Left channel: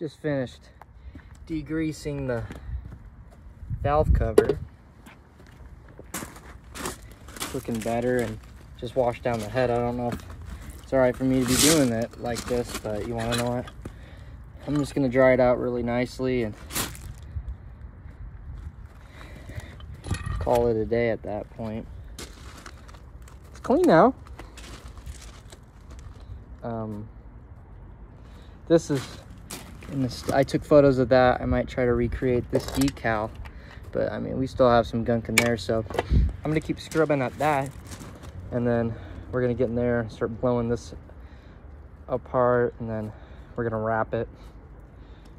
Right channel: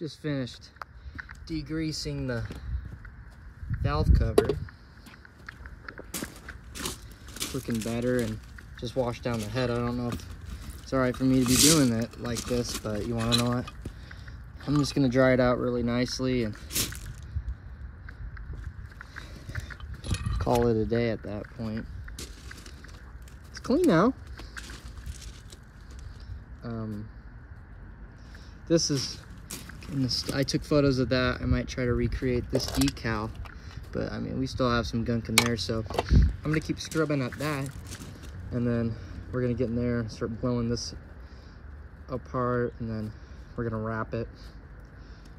Just finished degreasing the valve cover. It's looking better, and just washed down the head. I don't know if it's all right for me to be doing it like this, but you want to know what? I'm just going to dry it out really nicely and call it a day at that point. It's clean now. This is, I took photos of that. I might try to recreate this decal, but I mean, we still have some gunk in there, so I'm gonna keep scrubbing at that, and then we're gonna get in there and start blowing this apart, and then we're gonna wrap it,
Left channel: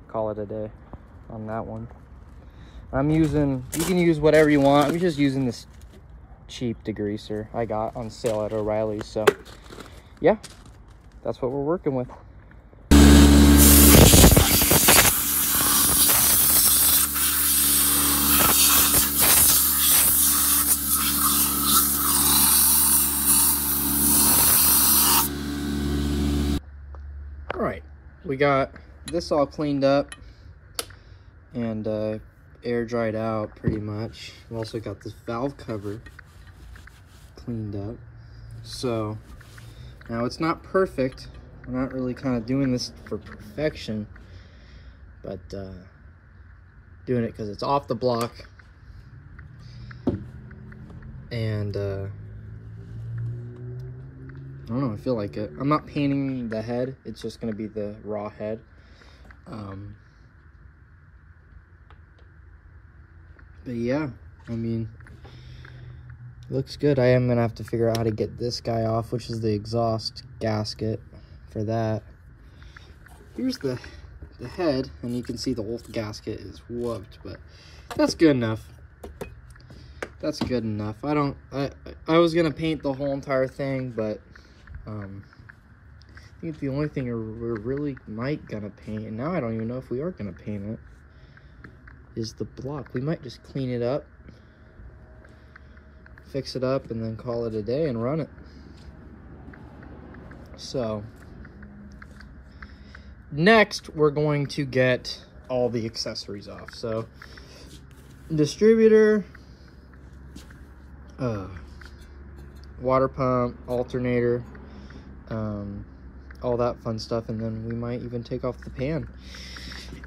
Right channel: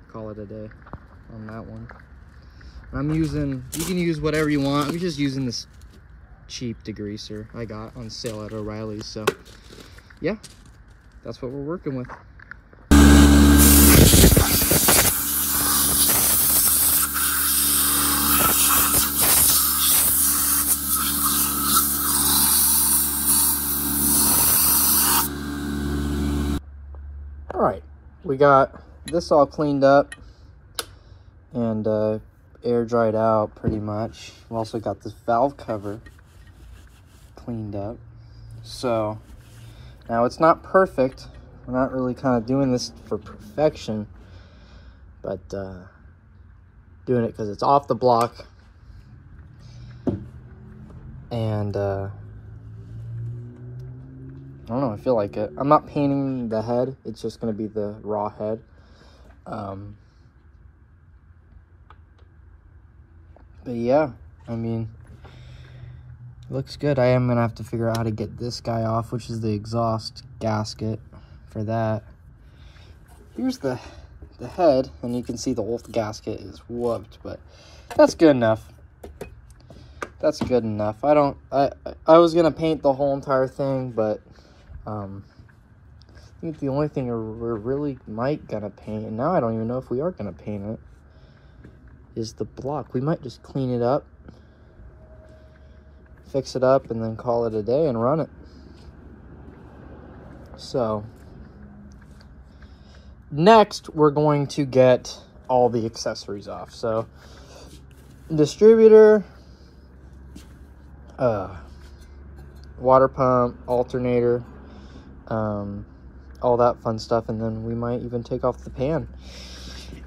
call it a day on that one. I'm using, you can use whatever you want. I'm just using this cheap degreaser I got on sale at O'Reilly's, so yeah, that's what we're working with. All right, we got this all cleaned up and air dried out pretty much. We also got this valve cover cleaned up. So now it's not perfect. We're not really kind of doing this for perfection, but doing it because it's off the block. And I don't know, I feel like it. I'm not painting the head. It's just going to be the raw head. But yeah, I mean, it looks good. I am going to have to figure out how to get this guy off, which is the exhaust gasket for that. Here's the head, and you can see the whole gasket is whooped, but that's good enough. That's good enough. I was going to paint the whole entire thing, but I think the only thing we're really might gonna paint, and now I don't even know if we are gonna paint it, is the block. We might just clean it up, fix it up, and then call it a day and run it. So next we're going to get all the accessories off. So distributor, water pump, alternator, all that fun stuff, and then we might even take off the pan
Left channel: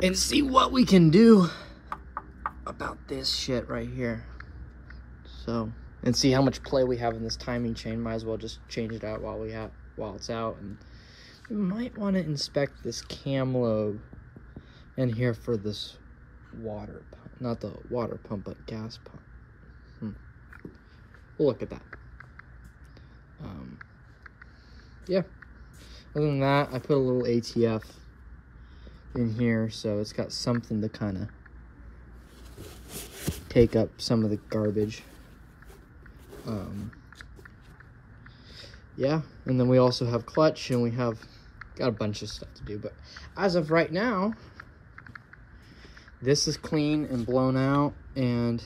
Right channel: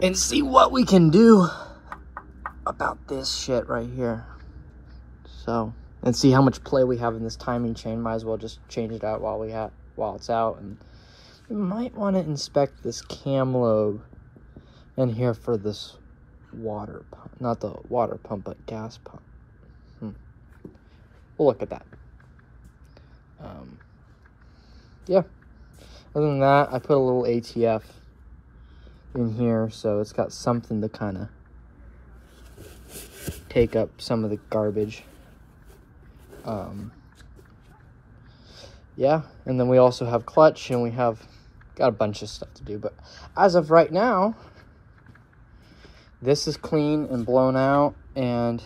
and see what we can do about this shit right here. So, and see how much play we have in this timing chain. Might as well just change it out while it's out. And we might want to inspect this cam lobe in here for this water pump, not the water pump, but gas pump. We'll look at that. Yeah, other than that, I put a little ATF in here, so it's got something to kind of take up some of the garbage. Yeah, and then we also have clutch, and we have got a bunch of stuff to do, but as of right now, this is clean and blown out, and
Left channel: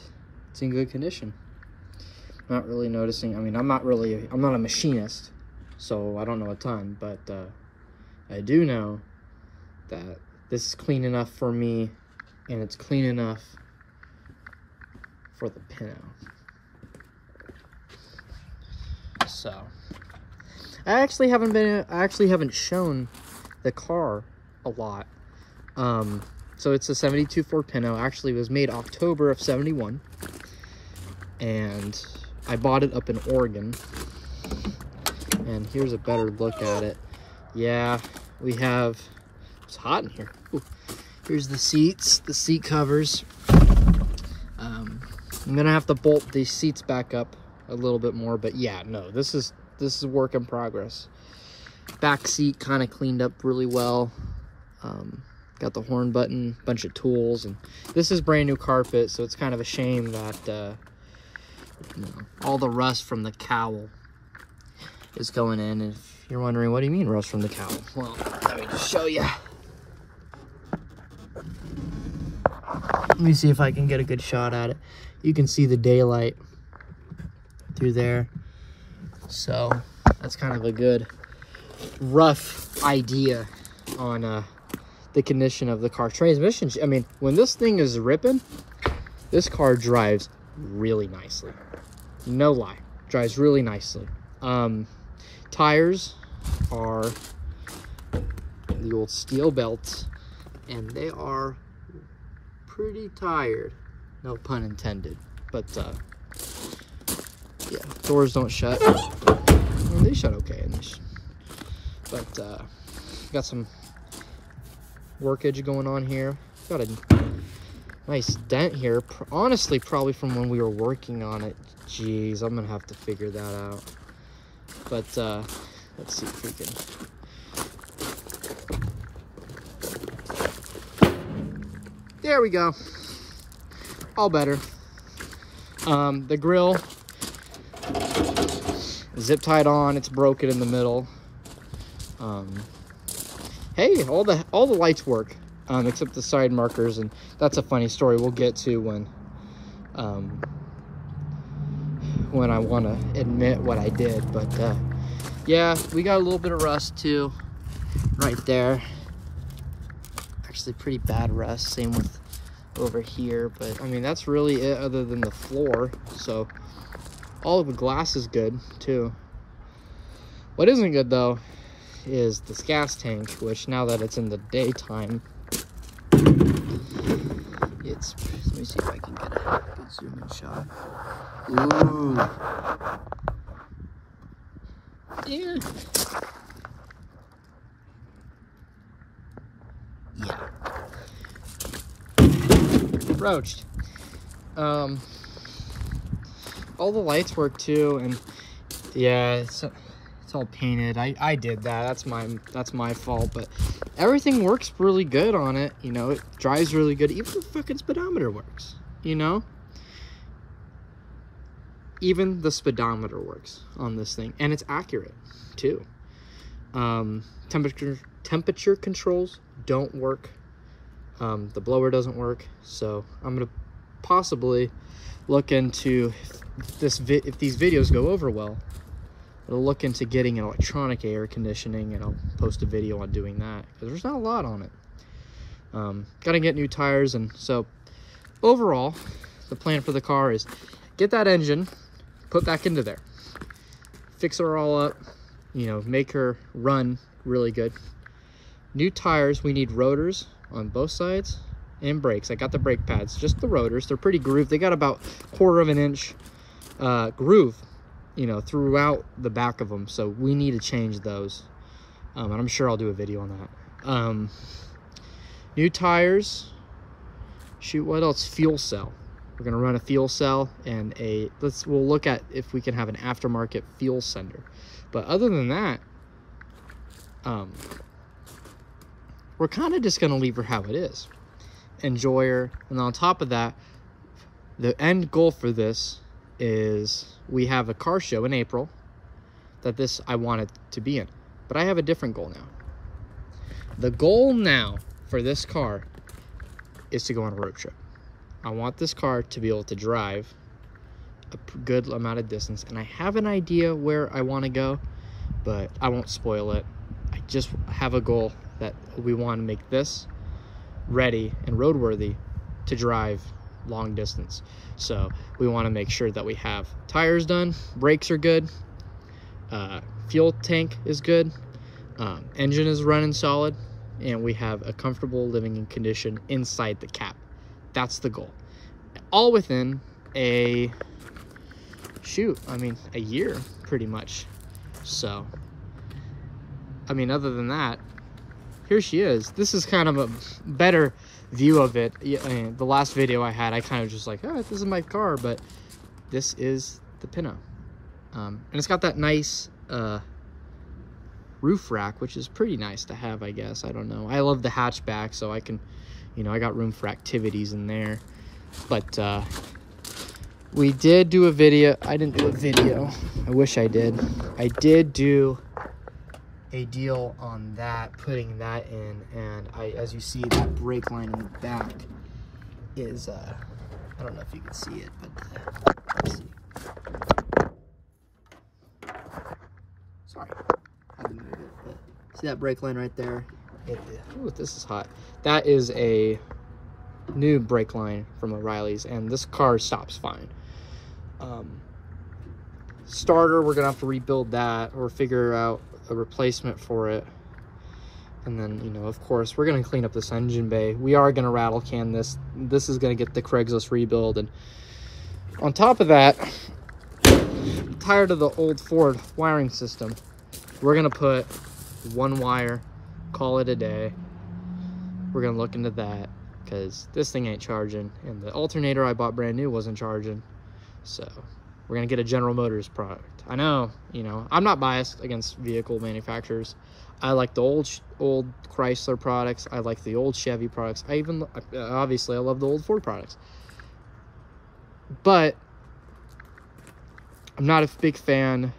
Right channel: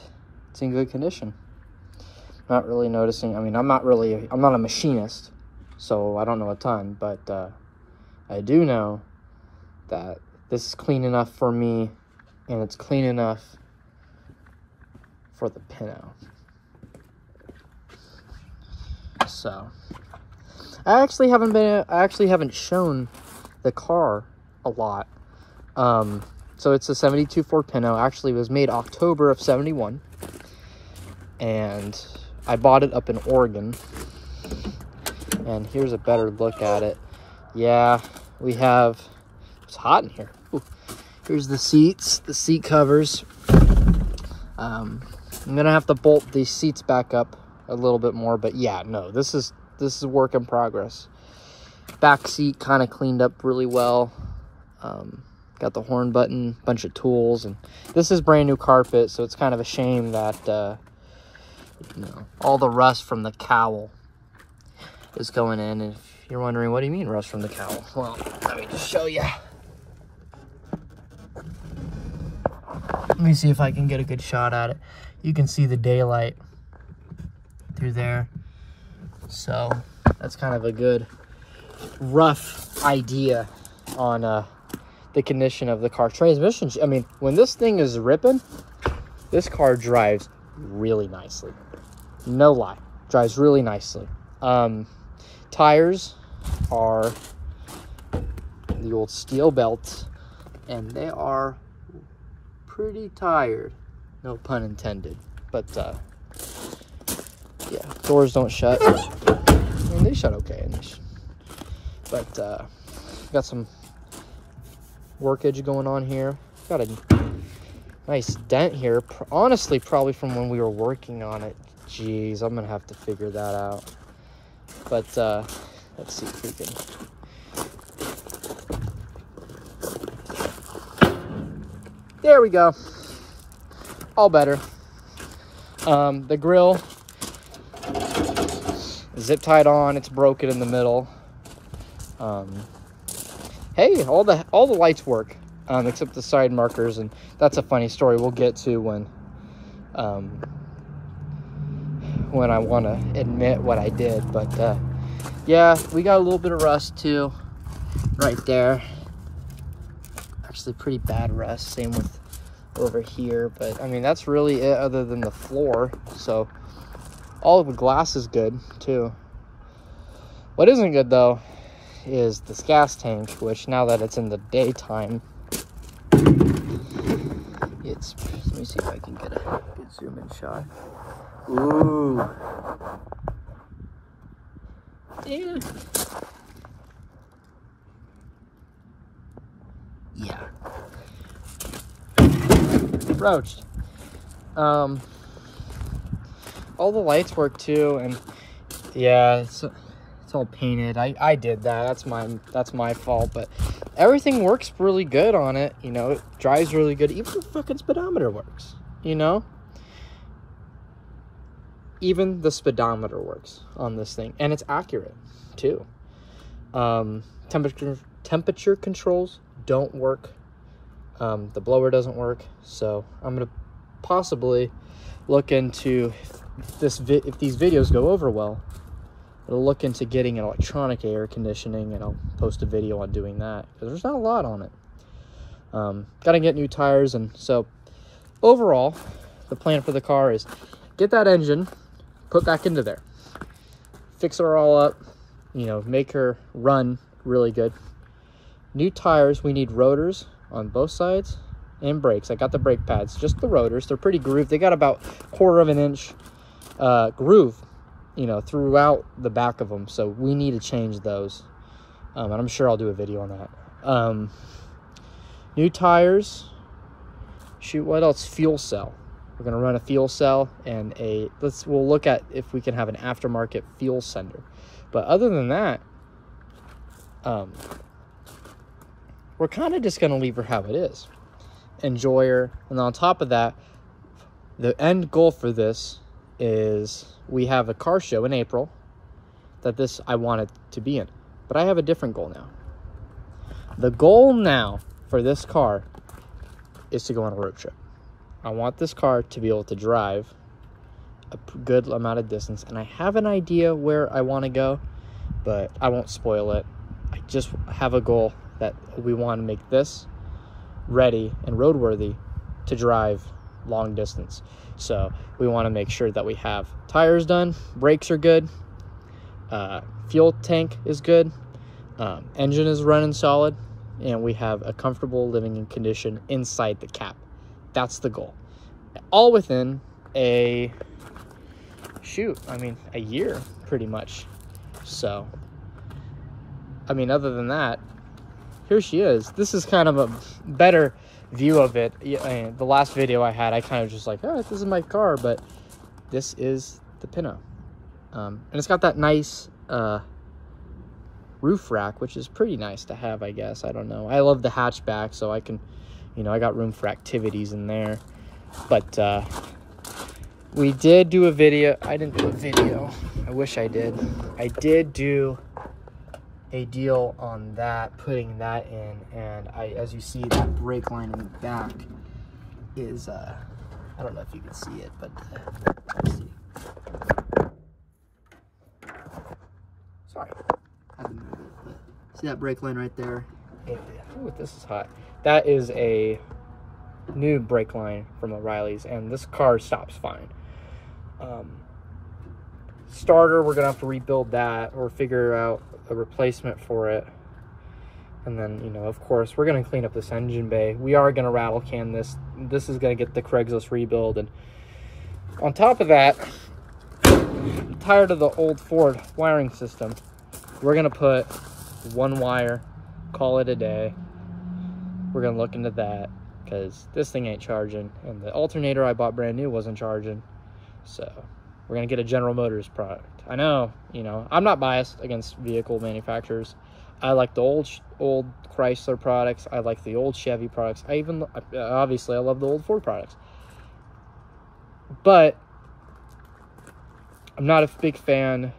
it's in good condition. Not really noticing. I mean, I'm not a machinist, so I don't know a ton, but I do know that this is clean enough for me, and it's clean enough for the pinto. So I actually haven't shown the car a lot. So it's a 72 Ford Pinto. Actually, it was made October of '71, and I bought it up in Oregon. And here's a better look at it. Yeah, we have, it's hot in here. Ooh. Here's the seats, the seat covers. I'm gonna have to bolt these seats back up a little bit more, but yeah, no, this is a work in progress. Back seat kind of cleaned up really well. Got the horn button, bunch of tools, and this is brand new carpet, so it's kind of a shame that you know, all the rust from the cowl is going in. And if you're wondering, what do you mean rust from the cowl? Well, let me just show you. Let me see if I can get a good shot at it. You can see the daylight through there. So that's kind of a good rough idea on the condition of the car. Transmission, I mean, when this thing is ripping, this car drives really nicely. No lie, drives really nicely. Tires are the old steel belts, and they are pretty tired, no pun intended. But yeah, doors don't shut. I mean, they shut okay, but got some workage going on here. Got a nice dent here, honestly probably from when we were working on it. Jeez, I'm gonna have to figure that out. But let's see if we can. There we go. All better. The grill zip tied on. It's broken in the middle. Hey, all the lights work, except the side markers, and that's a funny story we'll get to when I want to admit what I did. But yeah, we got a little bit of rust too, right there. Actually, pretty bad rust. Same with over here. But I mean, that's really it, other than the floor. So all of the glass is good too. What isn't good though is this gas tank, which now that it's in the daytime, it's, let me see if I can get a good zoom in shot. Ooh. Yeah. Yeah. Roached. All the lights work too, and yeah, it's all painted. I did that. That's my fault, but everything works really good on it. You know, it drives really good. Even the fucking speedometer works, you know? Even the speedometer works on this thing, and it's accurate too. Temperature controls don't work. The blower doesn't work, so I'm gonna possibly look into if these videos go over well. I'll look into getting an electronic air conditioning, and I'll post a video on doing that, because there's not a lot on it. Gotta get new tires, and so overall, the plan for the car is get that engine put back into there, fix her all up, you know, make her run really good. New tires, we need rotors on both sides and brakes. I got the brake pads, just the rotors. They're pretty grooved. They got about 1/4 inch groove, you know, throughout the back of them. So we need to change those. And I'm sure I'll do a video on that. New tires. Shoot, what else? Fuel cell. We're gonna run a fuel cell and we'll look at if we can have an aftermarket fuel sender. But other than that, we're kind of just gonna leave her how it is. Enjoy her. And on top of that, the end goal for this is we have a car show in April that I wanted to be in, but I have a different goal now. The goal now for this car is to go on a road trip. I want this car to be able to drive a good amount of distance, and I have an idea where I want to go, but I won't spoil it. I just have a goal that we want to make this ready and roadworthy to drive long distance. So we want to make sure that we have tires done, brakes are good, fuel tank is good, engine is running solid, and we have a comfortable living condition inside the cab. That's the goal. All within a year pretty much. So I mean, other than that, here she is. This is kind of a better view of it. The last video I had, I kind of just like, oh, this is my car, but this is the Pinto. And it's got that nice roof rack, which is pretty nice to have, I guess. I don't know. I love the hatchback, so I can, you know, I got room for activities in there. But we did do a video. I didn't do a video. I wish I did. I did do a deal on that, putting that in, and as you see, that brake line in the back is I don't know if you can see it, but let's see. Sorry, I had to move it, but see that brake line right there Ooh, this is hot. That is a new brake line from O'Reilly's, and this car stops fine. Starter, we're gonna have to rebuild that or figure out a replacement for it. And then, you know, of course, we're gonna clean up this engine bay. We are gonna rattle can this. This is gonna get the Craigslist rebuild. And on top of that, I'm tired of the old Ford wiring system. We're gonna put one wire, call it a day. We're gonna look into that because this thing ain't charging, and the alternator I bought brand new wasn't charging. So we're gonna get a General Motors product. I know, you know, I'm not biased against vehicle manufacturers. I like the old Chrysler products. I like the old Chevy products. Obviously I love the old Ford products. But I'm not a big fan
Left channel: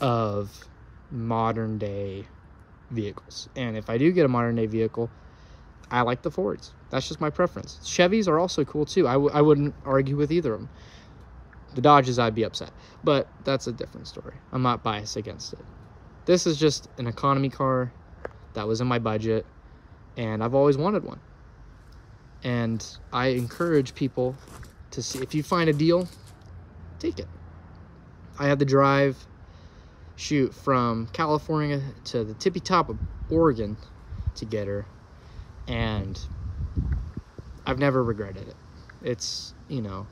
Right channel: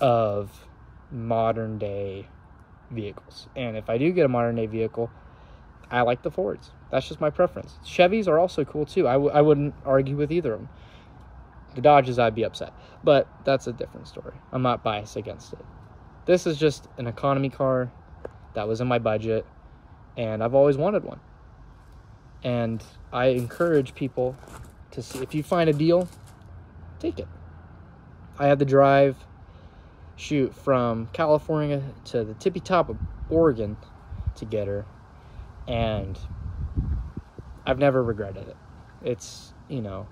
of modern day vehicles. And if I do get a modern day vehicle, I like the Fords. That's just my preference. Chevys are also cool too. I wouldn't argue with either of them. The Dodges, I'd be upset, but that's a different story. I'm not biased against it. This is just an economy car that was in my budget, and I've always wanted one. And I encourage people to see, if you find a deal, take it. I had to drive, shoot, from California to the tippy top of Oregon to get her, and I've never regretted it. It's, you know,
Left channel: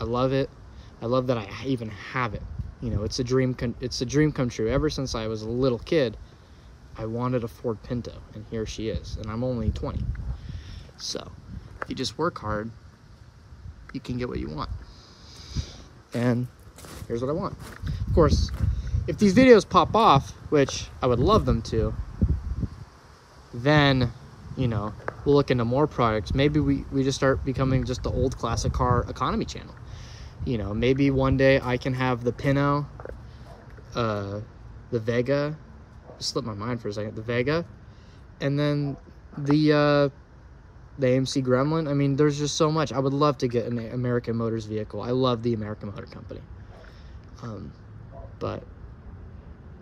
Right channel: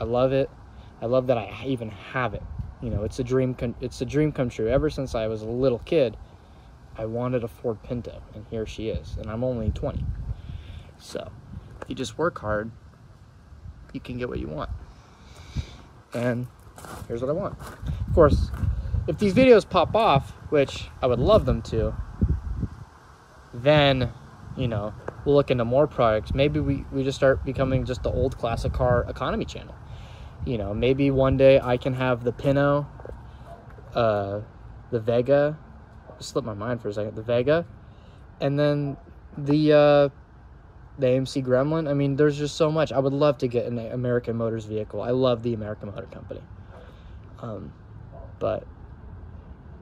I love it. I love that I even have it. You know, it's a dream come true. Ever since I was a little kid, I wanted a Ford Pinto, and here she is. And I'm only 20. So, if you just work hard, you can get what you want. And here's what I want. Of course, if these videos pop off, which I would love them to, then, you know, we'll look into more products. Maybe we just start becoming just the old classic car economy channel. You know, maybe one day I can have the Pinto, the Vega, slipped my mind for a second, the Vega, and then the AMC Gremlin. I mean, there's just so much. I would love to get an American Motors vehicle. I love the American Motor Company. But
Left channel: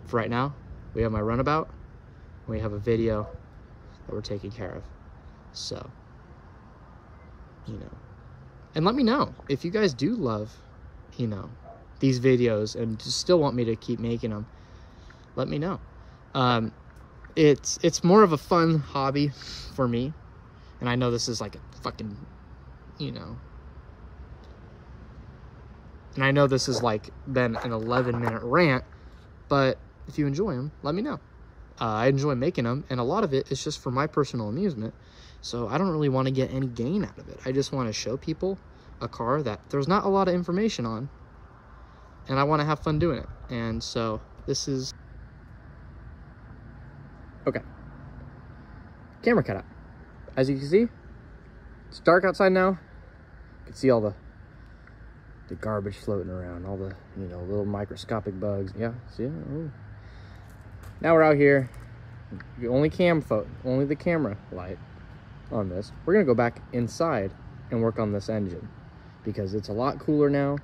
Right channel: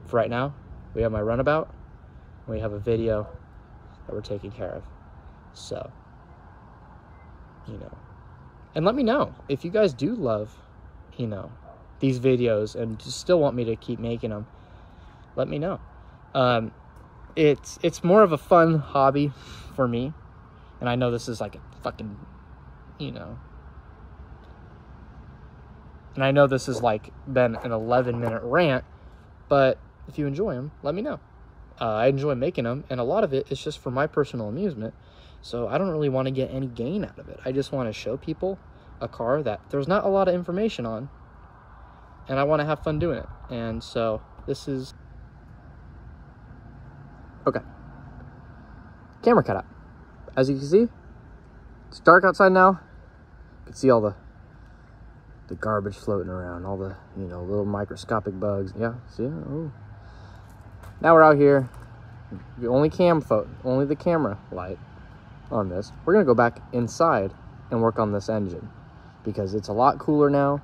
for right now, we have my runabout, and we have a video that we're taking care of. So, you know. And let me know if you guys do love, you know, these videos and still want me to keep making them. Let me know. It's more of a fun hobby for me. And I know this is like a fucking, you know. And I know this has like been an 11-minute rant, but if you enjoy them, let me know. I enjoy making them, and a lot of it is just for my personal amusement. So I don't really want to get any gain out of it. I just want to show people a car that there's not a lot of information on, and I want to have fun doing it. And so this is okay. Camera cut out. As you can see, it's dark outside now. You can see all the garbage floating around, all the, you know, little microscopic bugs. Yeah, see it? Oh. Now we're out here. Only the camera light on this. We're gonna go back inside and work on this engine because it's a lot cooler now,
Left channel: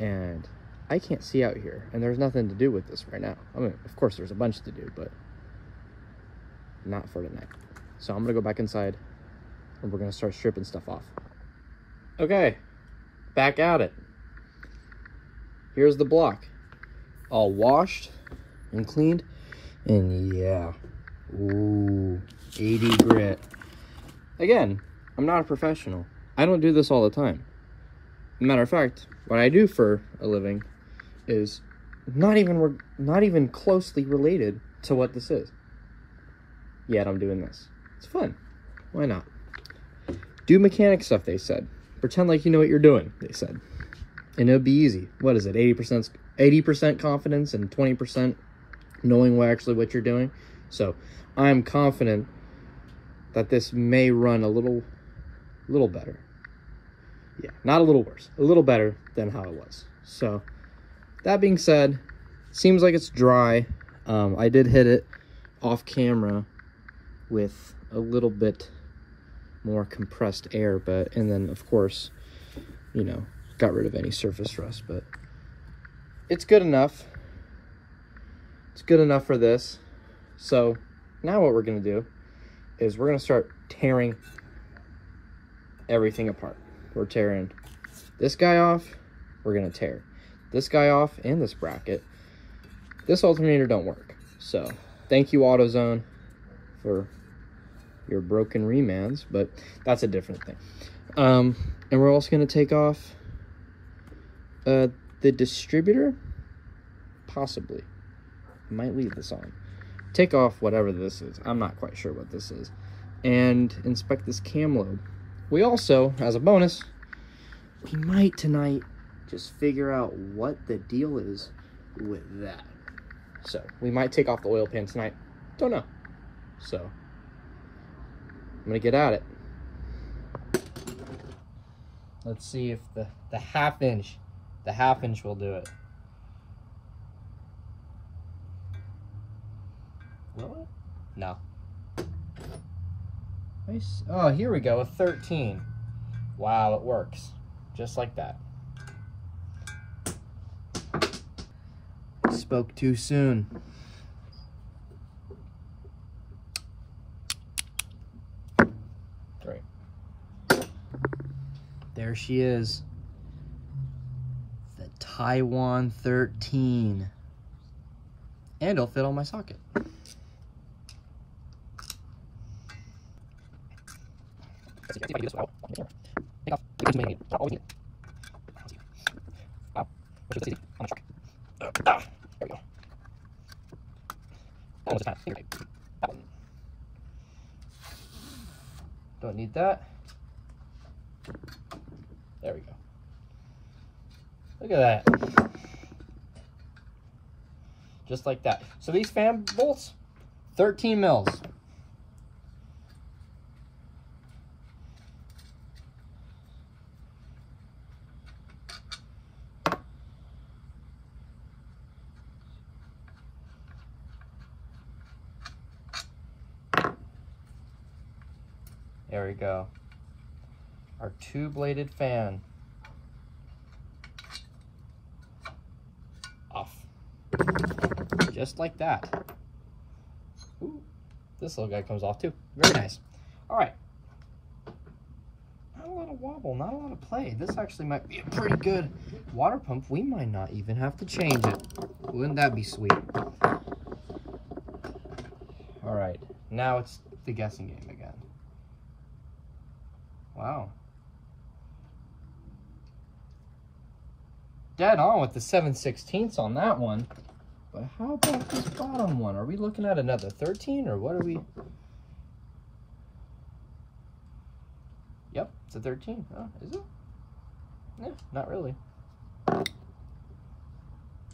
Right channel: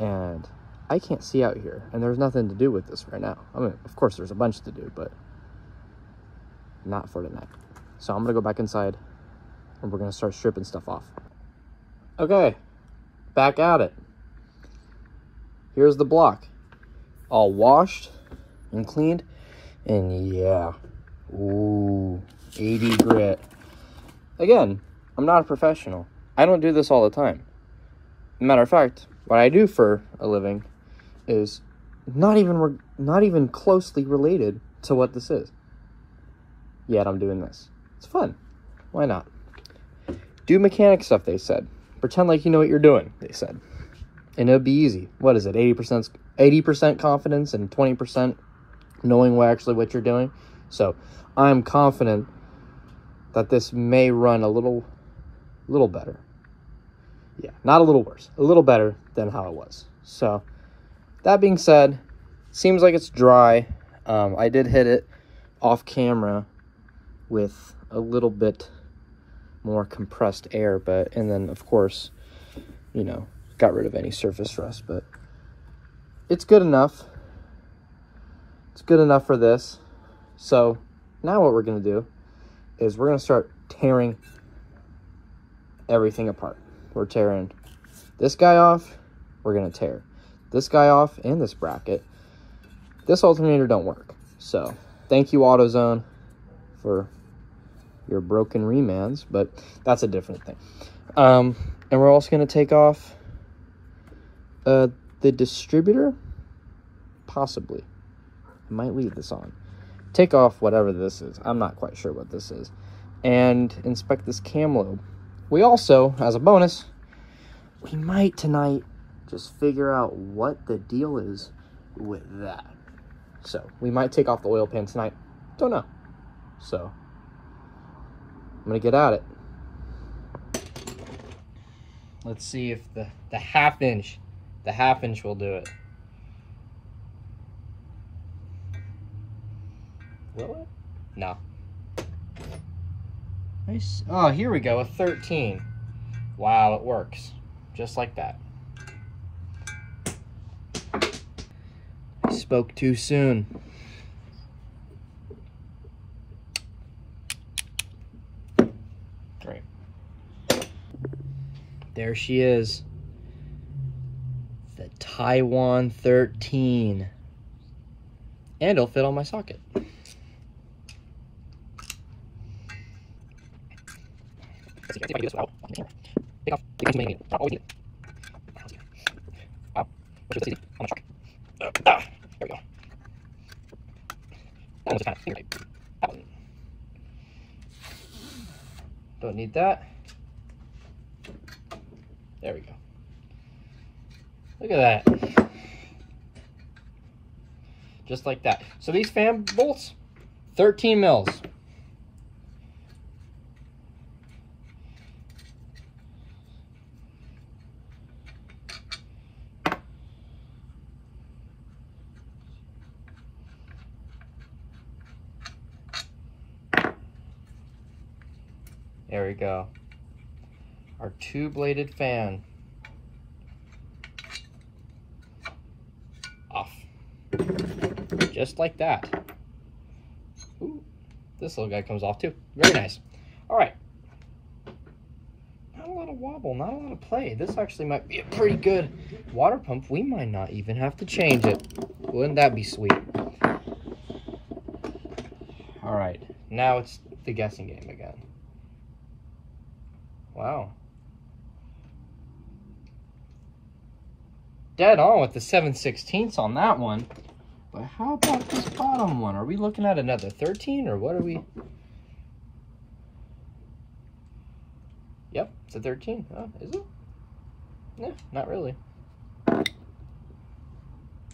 and I can't see out here, and there's nothing to do with this right now. I mean, of course there's a bunch to do, but not for tonight. So I'm gonna go back inside and we're gonna start stripping stuff off. Okay, back at it. Here's the block, all washed and cleaned, and yeah, ooh, 80 grit. Again, I'm not a professional. I don't do this all the time. Matter of fact, what I do for a living is not even closely related to what this is. Yet I'm doing this. It's fun. Why not? Do mechanic stuff, they said. Pretend like you know what you're doing, they said. And it'll be easy. What is it? 80% confidence and 20% knowing what you're doing. So I'm confident that this may run a little better. Yeah, not a little worse. A little better than how it was. So that being said, seems like it's dry. I did hit it off camera with a little bit more compressed air, and then of course, you know, got rid of any surface rust, but it's good enough. It's good enough for this. So Now what we're gonna do is we're gonna start tearing everything apart. We're tearing this guy off. We're gonna tear this guy off and this bracket. This alternator don't work. So thank you, AutoZone, for your broken remands, but that's a different thing. And we're also gonna take off the distributor, possibly. I might leave this on. Take off whatever this is. I'm not quite sure what this is. And inspect this cam lobe. We also, as a bonus, we might tonight just figure out what the deal is with that. So we might take off the oil pan tonight. Don't know. So I'm gonna get at it. Let's see if the half inch will do it. Will it? No. Nice. Oh, here we go, a 13. Wow, it works. Just like that. Spoke too soon. Right. There she is. The Taiwan 13. And it'll fit on my socket. Let's see if I can do this without take off the guns you may need. Not always need it. Wow. Which was easy. I'm not sure. There we go. That one was kind of irritating. That one. Don't need that. There we go. Look at that. Just like that. So these fan bolts, 13 mils. There we go. Our two-bladed fan. Off. Just like that. Ooh, this little guy comes off too. Very nice. All right. Not a lot of wobble, not a lot of play. This actually might be a pretty good water pump. We might not even have to change it. Wouldn't that be sweet? All right. Now it's the guessing game again. Wow. Dead on with the 7/16 on that one. But how about this bottom one? Are we looking at another 13 or what are we? Yep, it's a 13. Oh, is it? No, not really.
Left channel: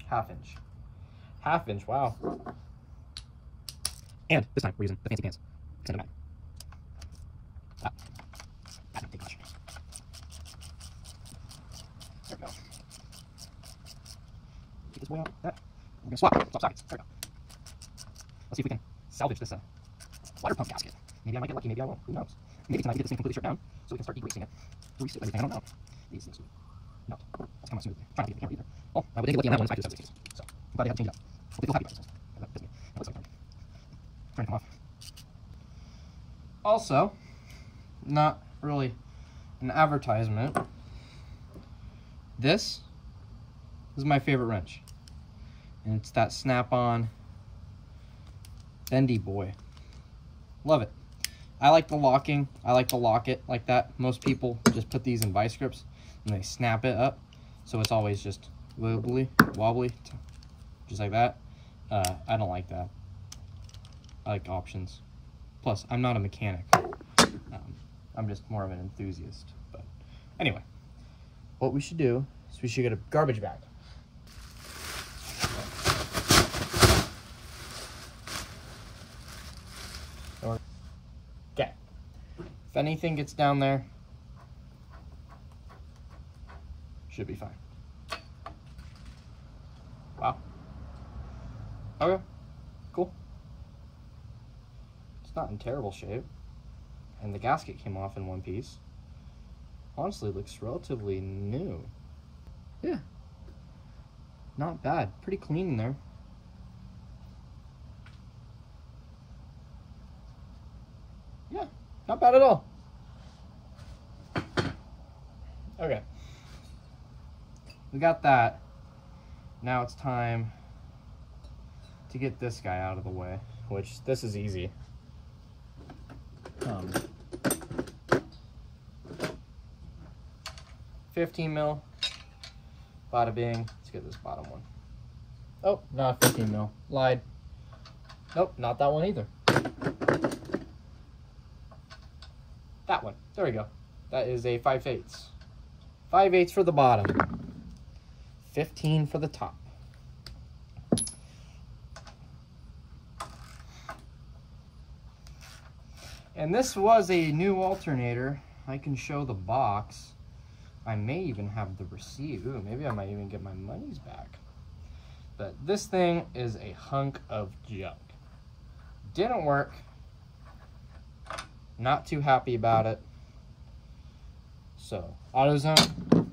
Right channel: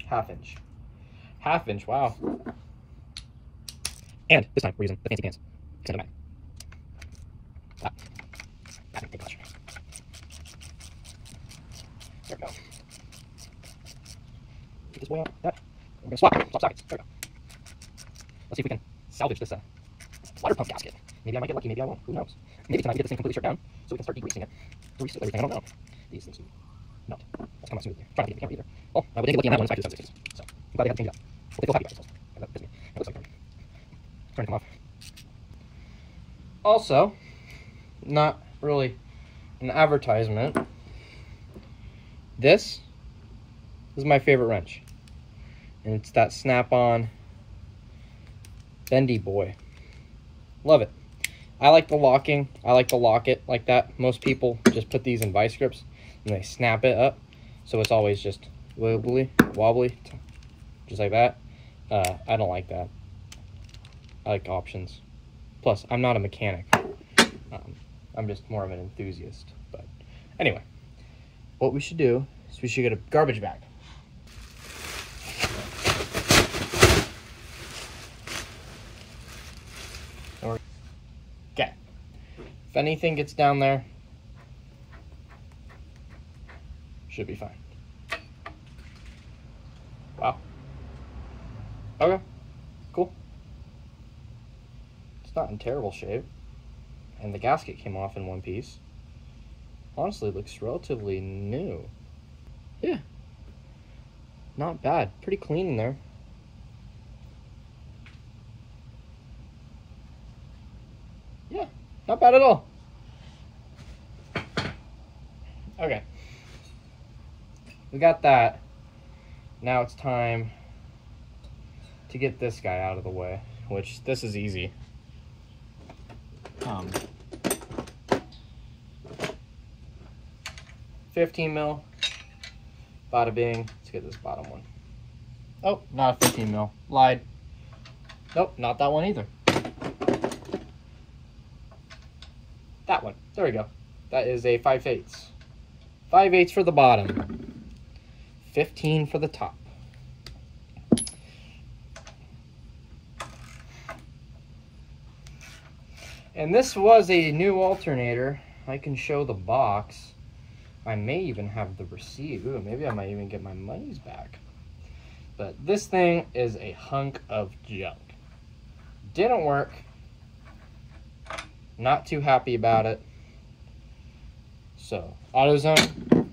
Half inch. Half inch, wow. And this time we're using the fancy pants. It's gonna go back. That didn't take much. There we go. Get this way out. That. We're gonna swap sockets. There we go. Let's see if we can salvage this water pump gasket. Maybe I might get lucky, maybe I won't. Who knows? Maybe tonight we get this thing completely stripped down so we can start degreasing it. Grease everything. I don't know. These things no. That's come out smoothly. I'm trying to get the camera either. Well, I didn't get lucky on that one. It's back to the 7/16. So I'm glad they had to change it up. But they feel happy about themselves. That pisses me. It looks like trying to come off. Also, not really an advertisement. This is my favorite wrench. And it's that snap-on bendy boy. Love it. I like the locking. I like to lock it like that. Most people just put these in vice grips and they snap it up. So it's always just wobbly, just like that. I don't like that. I like options. Plus, I'm not a mechanic. I'm just more of an enthusiast. But anyway, what we should do is we should get a garbage bag. Okay. If anything gets down there, should be fine. Wow. Okay. Cool. It's not in terrible shape. And the gasket came off in one piece. Honestly, looks relatively new. Yeah. Not bad. Pretty clean in there. Not bad at all. Okay. We got that. Now it's time to get this guy out of the way, which this is easy. 15 mil. Bada bing. Let's get this bottom one. Oh, not a 15 mil. Lied. Nope, not that one either. That one. There we go. That is a 5/8. 5/8 for the bottom. 15 for the top. And this was a new alternator. I can show the box. I may even have the receipt. Ooh, maybe I might even get my monies back. But this thing is a hunk of junk. Didn't work. Not too happy about it. So, AutoZone,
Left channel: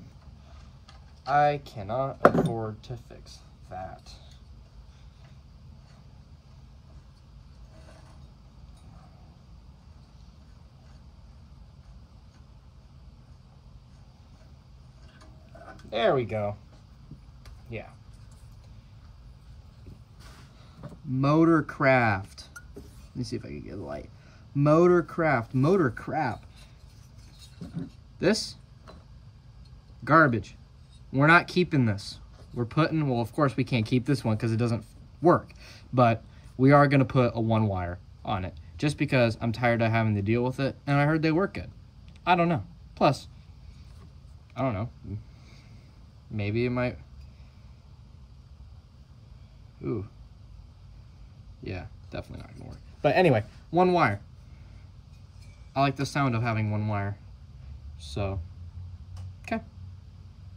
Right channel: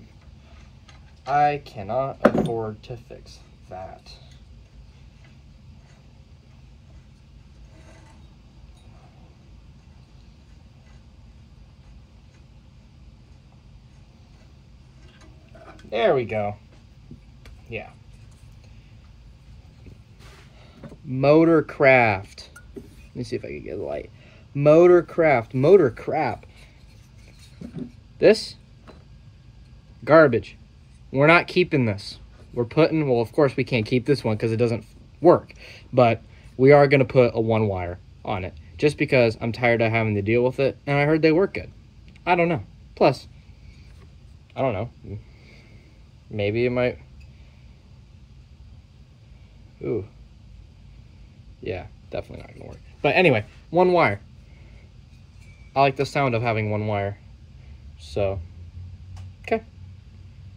I cannot afford to fix that. There we go. Yeah. Motorcraft. Let me see if I can get the light. Motorcraft. Motor crap. This? Garbage. We're not keeping this. We're putting, well, of course we can't keep this one because it doesn't work. But we are going to put a 1-wire on it. Just because I'm tired of having to deal with it. And I heard they work good. I don't know. Plus, I don't know. Maybe it might. Ooh. Yeah, definitely not gonna work. But anyway, 1 wire. I like the sound of having 1 wire. So, okay.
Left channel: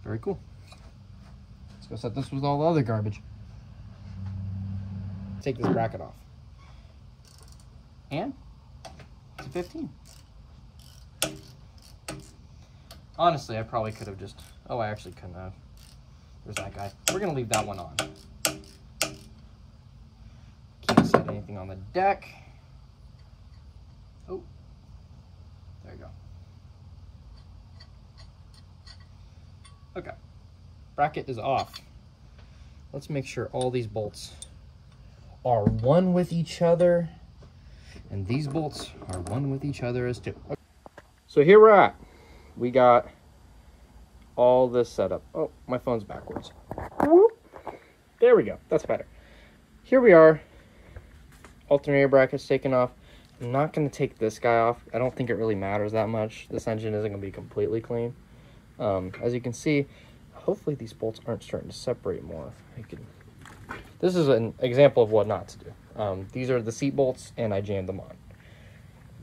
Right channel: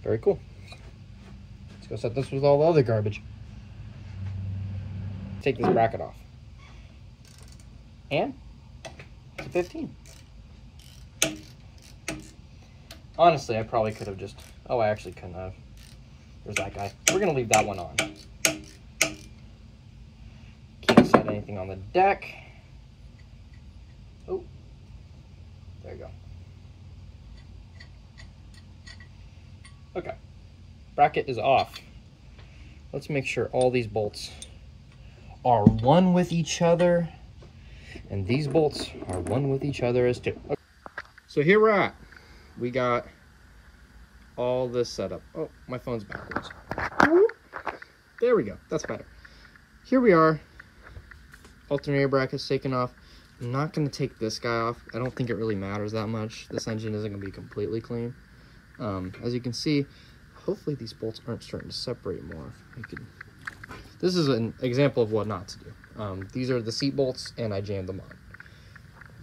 Very cool. Let's go set this with all the other garbage. Take this bracket off. And it's a 15. Honestly, I probably could have just... Oh, I actually couldn't have. There's that guy. We're going to leave that one on. Can't set anything on the deck. Oh. There you go. Okay. Bracket is off. Let's make sure all these bolts are one with each other. And these bolts are one with each other as too. Okay. So here we're at. We got all this set up. Oh, my phone's backwards. Whoop. There we go. That's better. Here we are. Alternator bracket's taken off. I'm not going to take this guy off. I don't think it really matters that much. This engine isn't going to be completely clean. As you can see, hopefully these bolts aren't starting to separate more. This is an example of what not to do. These are the seat bolts, and I jammed them on.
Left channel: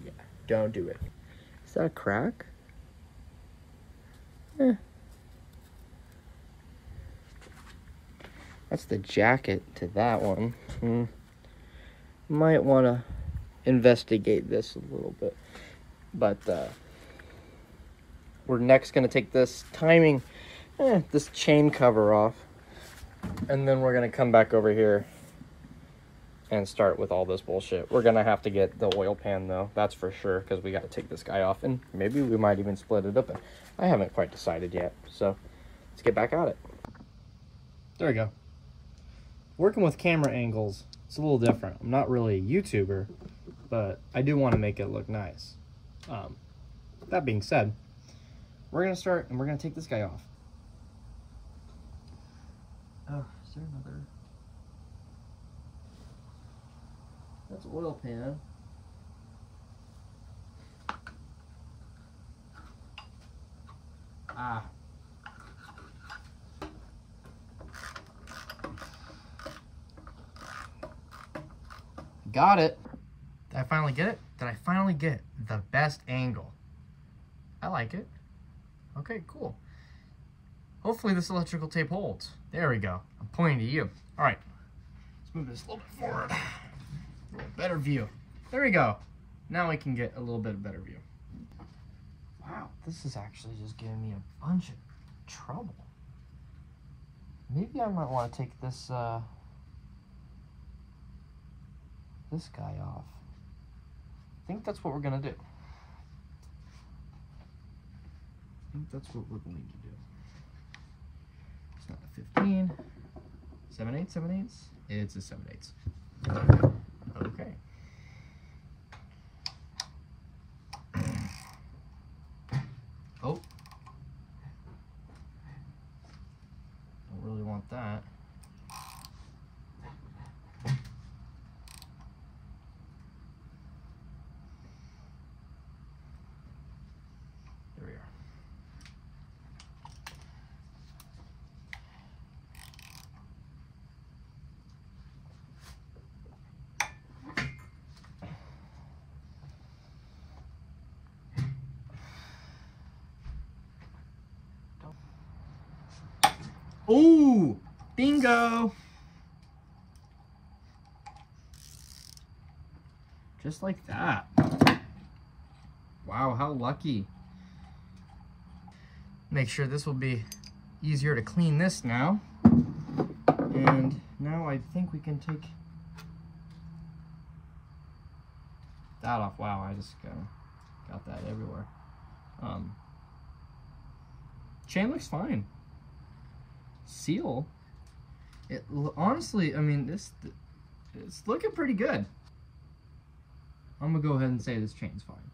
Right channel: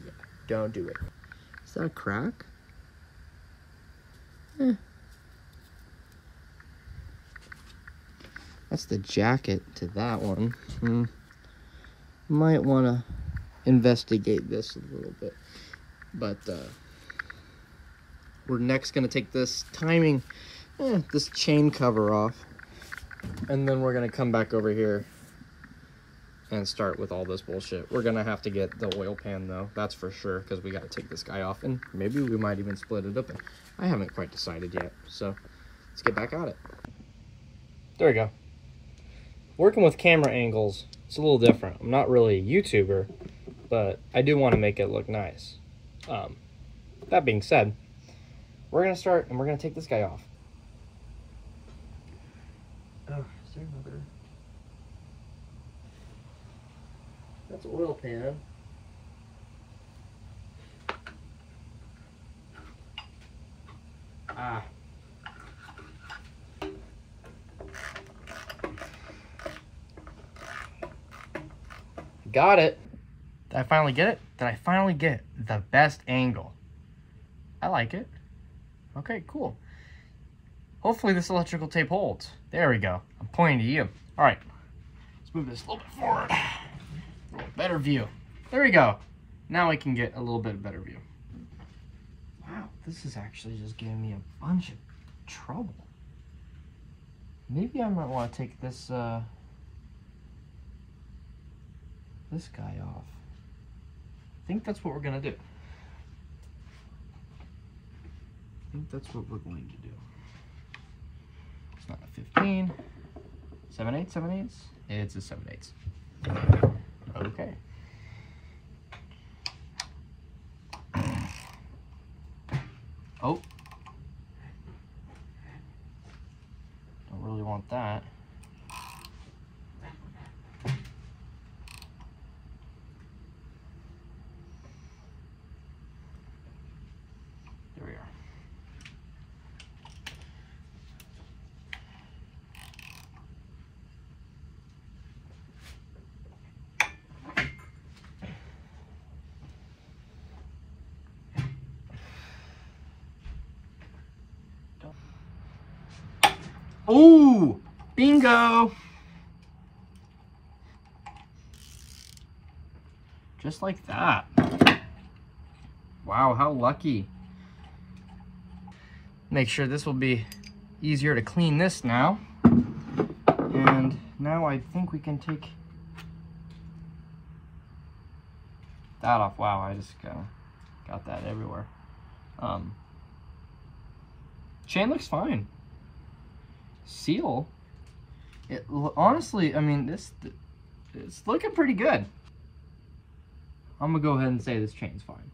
Yeah, don't do it. Is that a crack? Eh. That's the jacket to that one. Might want to investigate this a little bit. But we're next going to take this this chain cover off. And then we're going to come back over here and start with all this bullshit. We're going to have to get the oil pan, though. That's for sure, because we got to take this guy off. And maybe we might even split it open. I haven't quite decided yet. So let's get back at it. There we go. Working with camera angles, it's a little different. I'm not really a YouTuber, but I do want to make it look nice. That being said, we're going to start and we're going to take this guy off. Oh, is there another? That's oil pan. Ah. Got it. Did I finally get it? Did I finally get the best angle? I like it. Okay, cool. Hopefully this electrical tape holds. There we go. I'm pointing to you. All right. Let's move this a little bit forward. Better view. There we go. Now we can get a little bit better view. Wow, this is actually just giving me a bunch of trouble. Maybe I might want to take this this guy off. I think that's what we're gonna do. think that's what we're going to do. It's not a 15. 7/8, 7/8? It's a 7/8. Okay. Oh. Don't really want that. There we are. Oh, bingo. Just like that. Wow, how lucky. Make sure this will be easier to clean this now. And now I think we can take that off. Wow, I just got that everywhere. Chain looks fine. Seal, honestly, I mean, it's looking pretty good. I'm gonna go ahead and say this chain's fine.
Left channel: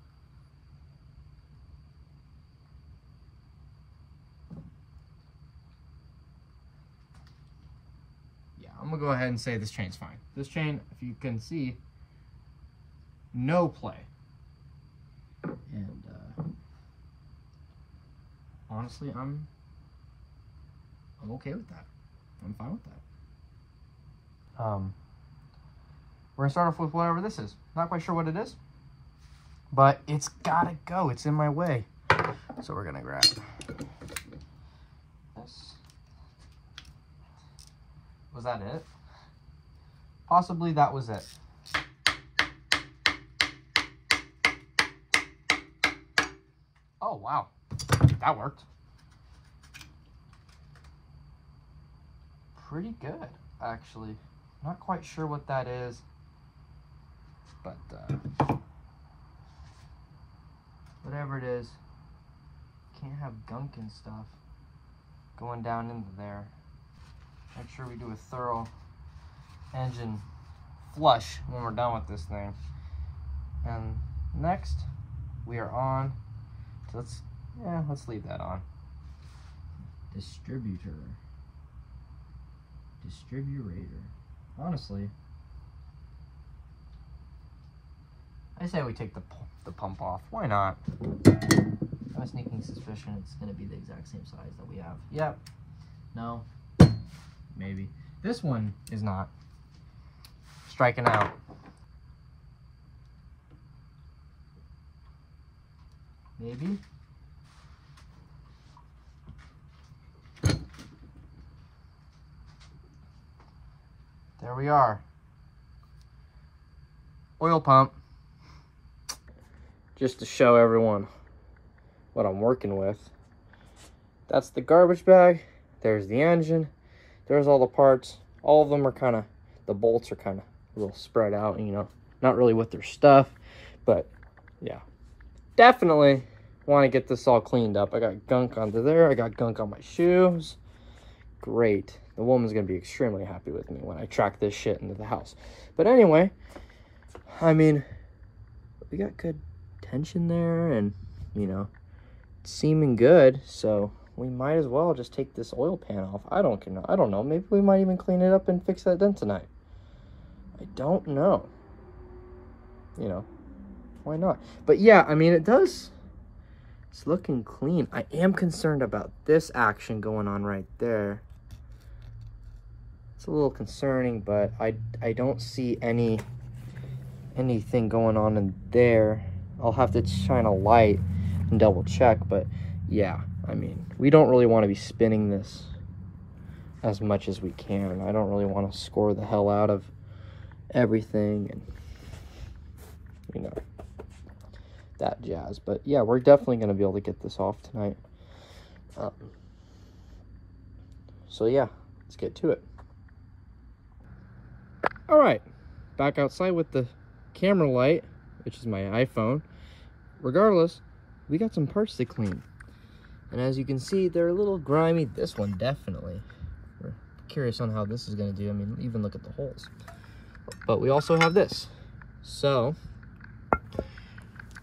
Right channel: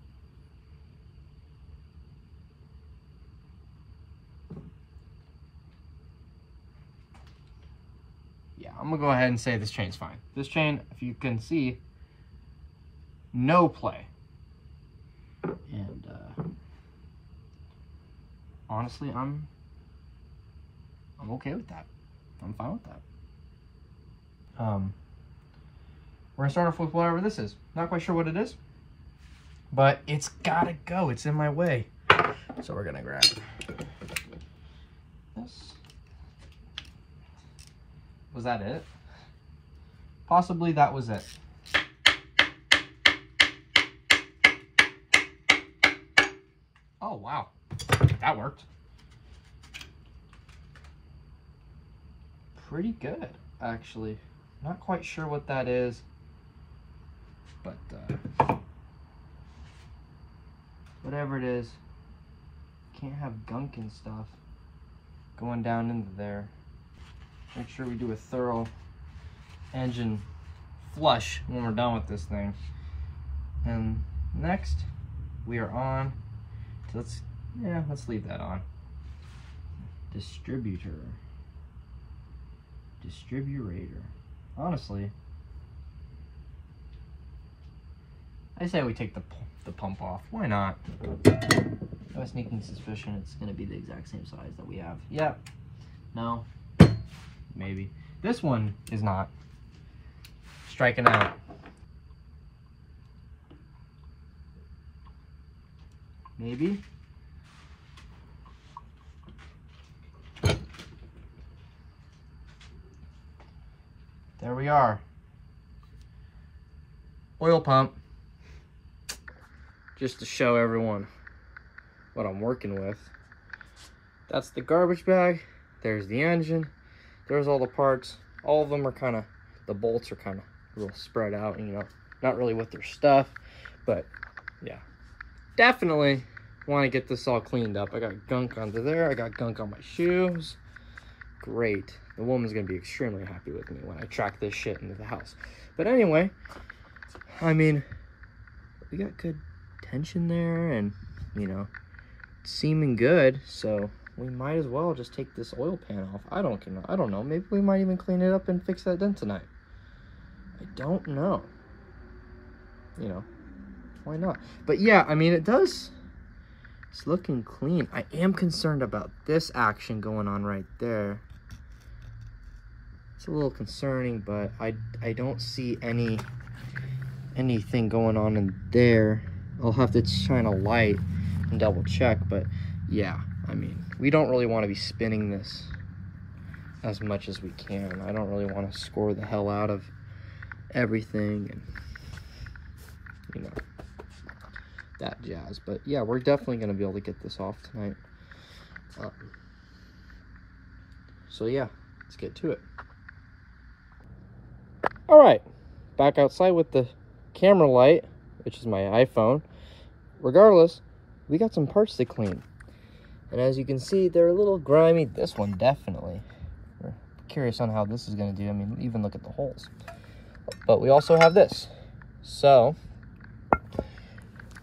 Yeah, I'm gonna go ahead and say this chain's fine. This chain, if you can see, no play. And honestly, I'm okay with that. I'm fine with that. We're gonna start off with whatever this is. Not quite sure what it is, but it's gotta go. It's in my way. So we're gonna grab this. Was that it? Possibly that was it. Oh, wow. That worked. Pretty good, actually. Not quite sure what that is, but whatever it is, can't have gunk and stuff going down into there. Make sure we do a thorough engine flush when we're done with this thing. And next, we are on. So let's leave that on. Distriburator. Honestly, I say we take the pump off. Why not? I have a sneaking suspicion it's going to be the exact same size that we have. Yeah. No. Maybe. This one is not. Striking out. Maybe. There we are. Oil pump. Just to show everyone what I'm working with. That's the garbage bag. There's the engine. There's all the parts. All of them are kind of, the bolts are kind of a little spread out, you know, not really with their stuff. But yeah, definitely want to get this all cleaned up. I got gunk onto there. I got gunk on my shoes. Great. The woman's going to be extremely happy with me when I track this shit into the house. But anyway, I mean, we got good tension there and, you know, it's seeming good. So we might as well just take this oil pan off. I don't know. Maybe we might even clean it up and fix that dent tonight. I don't know. You know, why not? But yeah, I mean, it's looking clean. I am concerned about this action going on right there. It's a little concerning, but I don't see anything going on in there. I'll have to shine a light and double check, but yeah, I mean, we don't really want to be spinning this as much as we can. I don't really want to score the hell out of everything and, you know, that jazz. But yeah, we're definitely going to be able to get this off tonight. So yeah, let's get to it. All right, back outside with the camera light, which is my iPhone. Regardless, we got some parts to clean. And as you can see, they're a little grimy. This one definitely. We're curious on how this is going to do. I mean, even look at the holes. But we also have this. So,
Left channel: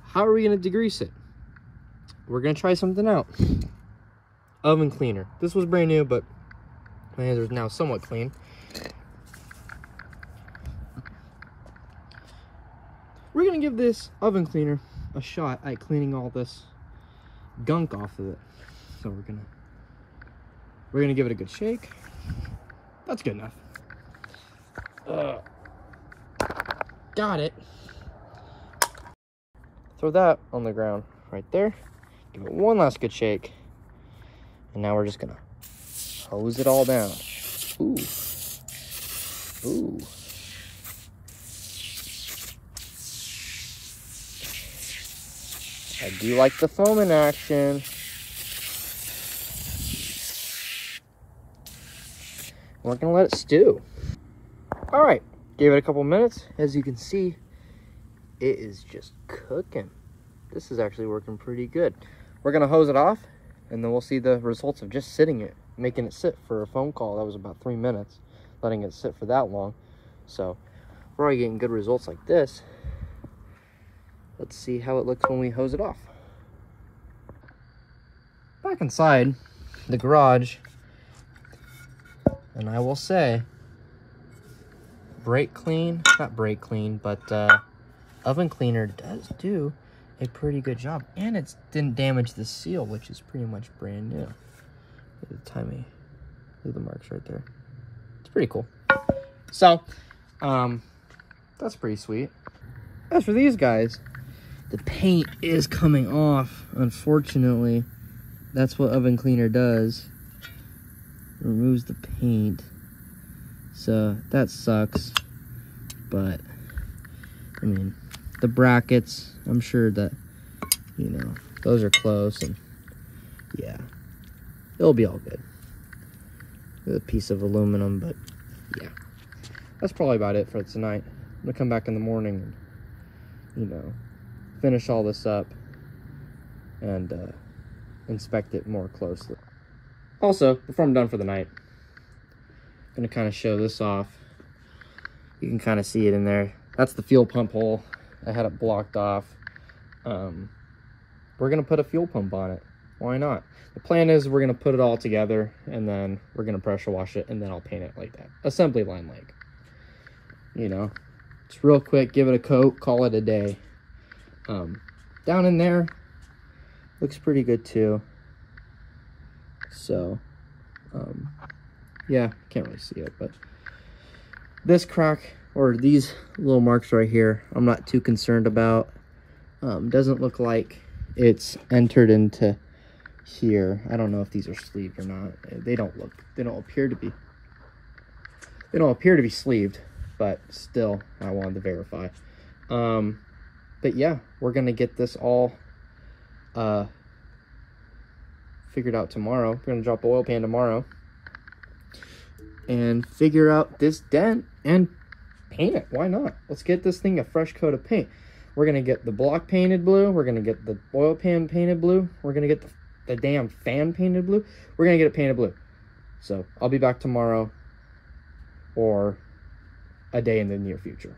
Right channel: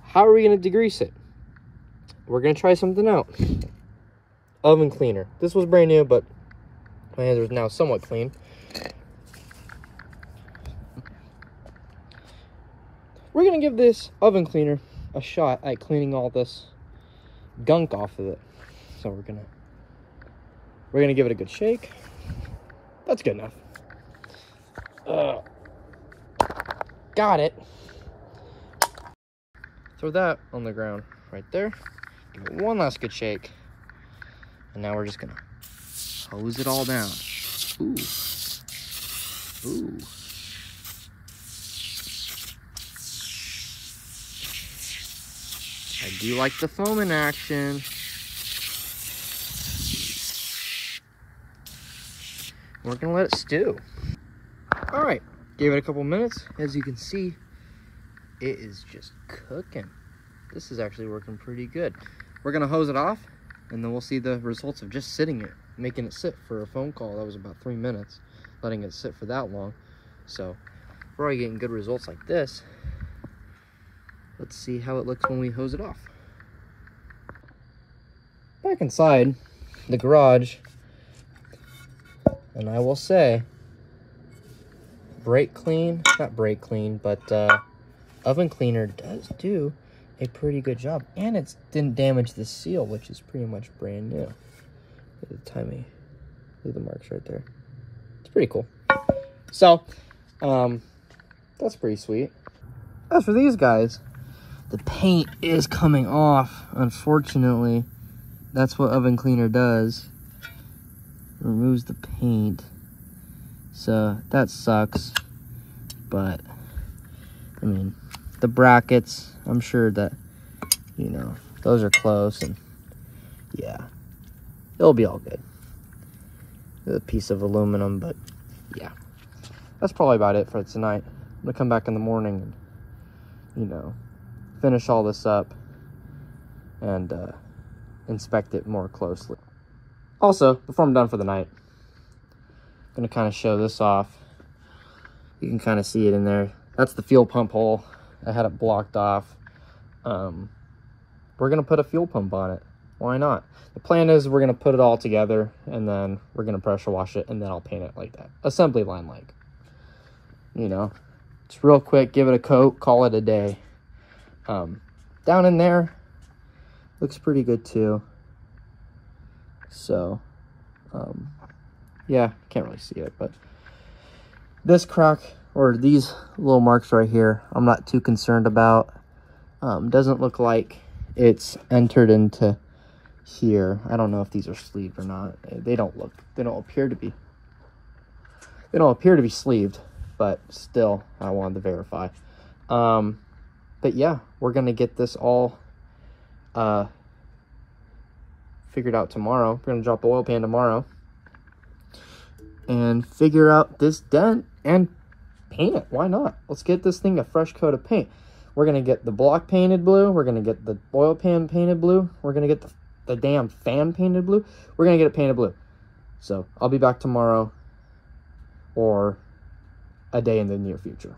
how are we going to degrease it? We're going to try something out. Oven cleaner. This was brand new, but my hands are now somewhat clean. We're going to give this oven cleaner a shot at cleaning all this gunk off of it. So we're gonna give it a good shake. That's good enough. Got it. Throw that on the ground right there. Give it one last good shake. And now we're just gonna hose it all down. Ooh. Ooh. I do like the foam in action. We're gonna let it stew. All right, gave it a couple minutes. As you can see, it is just cooking. This is actually working pretty good. We're gonna hose it off, and then we'll see the results of just sitting it, making it sit for a phone call. That was about 3 minutes, letting it sit for that long. So we're already getting good results like this. Let's see how it looks when we hose it off. Back inside the garage, and I will say, not brake clean, but oven cleaner does do a pretty good job. And it didn't damage the seal, which is pretty much brand new. Look at the timing. Look at the marks right there. It's pretty cool. So, that's pretty sweet. As for these guys, the paint is coming off, unfortunately. That's what oven cleaner does. Removes the paint. So that sucks. But I mean, the brackets, I'm sure that, you know, those are close, and yeah, it'll be all good. A piece of aluminum, but yeah, that's probably about it for tonight. I'm gonna come back in the morning and, you know, finish all this up and inspect it more closely. Also, before I'm done for the night, I'm gonna kind of show this off. You can kind of see it in there. That's the fuel pump hole. I had it blocked off. We're gonna put a fuel pump on it. Why not? The plan is we're gonna put it all together, and then we're gonna pressure wash it, and then I'll paint it like that. Assembly line like. You know, it's real quick, give it a coat, call it a day. Down in there, looks pretty good too. So, yeah, can't really see it, but this crack, or these little marks right here, I'm not too concerned about. Doesn't look like it's entered into here. I don't know if these are sleeved or not. They don't appear to be sleeved, but still, I wanted to verify. But yeah, we're gonna get this all figured out tomorrow. We're gonna drop the oil pan tomorrow and figure out this dent and paint it. Why not? Let's get this thing a fresh coat of paint. We're gonna get the block painted blue. We're gonna get the oil pan painted blue. We're gonna get the damn fan painted blue. We're gonna get it painted blue. So I'll be back tomorrow or a day in the near future.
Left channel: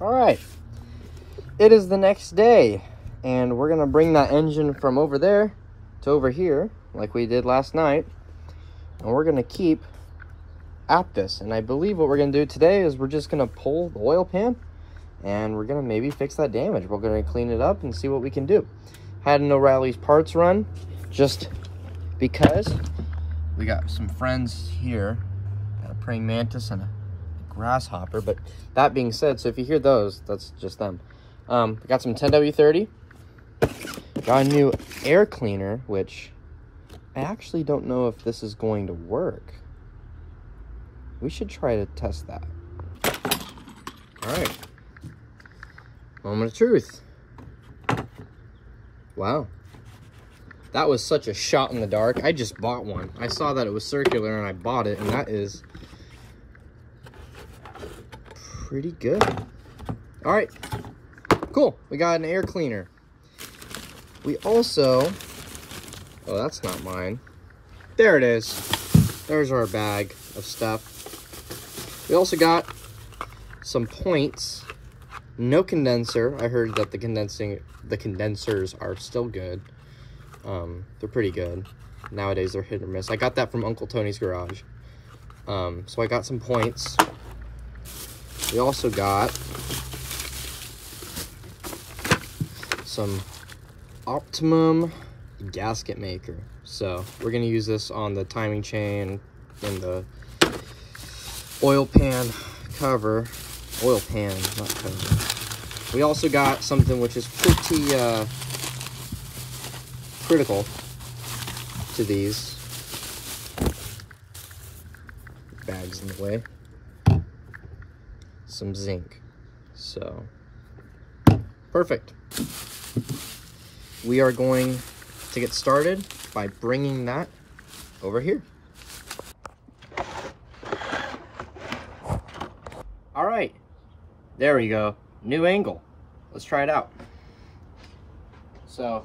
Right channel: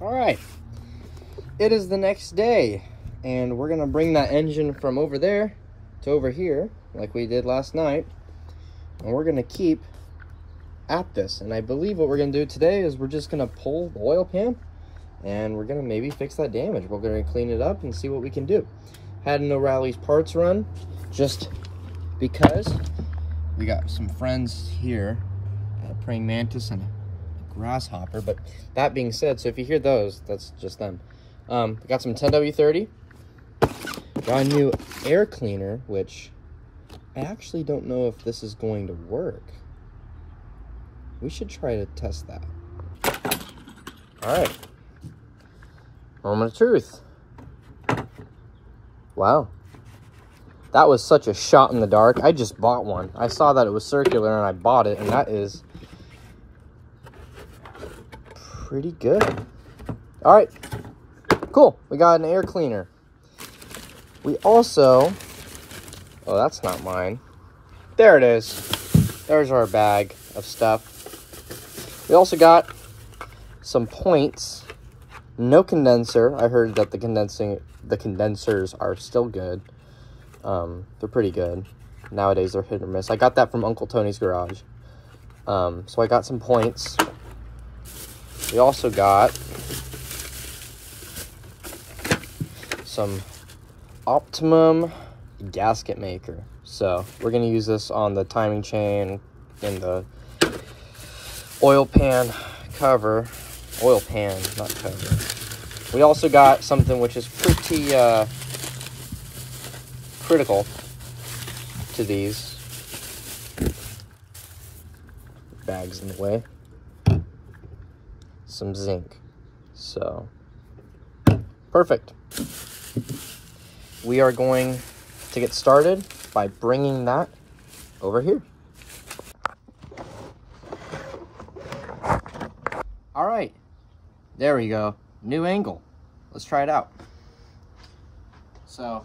All right, it is the next day, and we're gonna bring that engine from over there to over here, like we did last night, and we're gonna keep at this. And I believe what we're gonna do today is we're just gonna pull the oil pan, and we're gonna maybe fix that damage. We're gonna clean it up and see what we can do. Had an O'Reilly's parts run, just because we got some friends here, got a praying mantis and a grasshopper. But that being said, so if you hear those, that's just them. Got some 10W30, got a new air cleaner, which I actually don't know if this is going to work. We should try to test that. All right, moment of truth. Wow, that was such a shot in the dark. I just bought one. I saw that it was circular and I bought it, and that is pretty good. All right, cool. We got an air cleaner. We also, oh, that's not mine. There it is. There's our bag of stuff. We also got some points. No condenser. I heard that the condensers are still good. They're pretty good. Nowadays they're hit or miss. I got that from Uncle Tony's garage. So I got some points. We also got some Optimum gasket maker. So we're gonna use this on the timing chain and the oil pan cover. Oil pan, not cover. We also got something which is pretty critical to these. Bags in the way. Some zinc. So perfect. We are going to get started by bringing that over here. All right, there we go. New angle. Let's try it out. So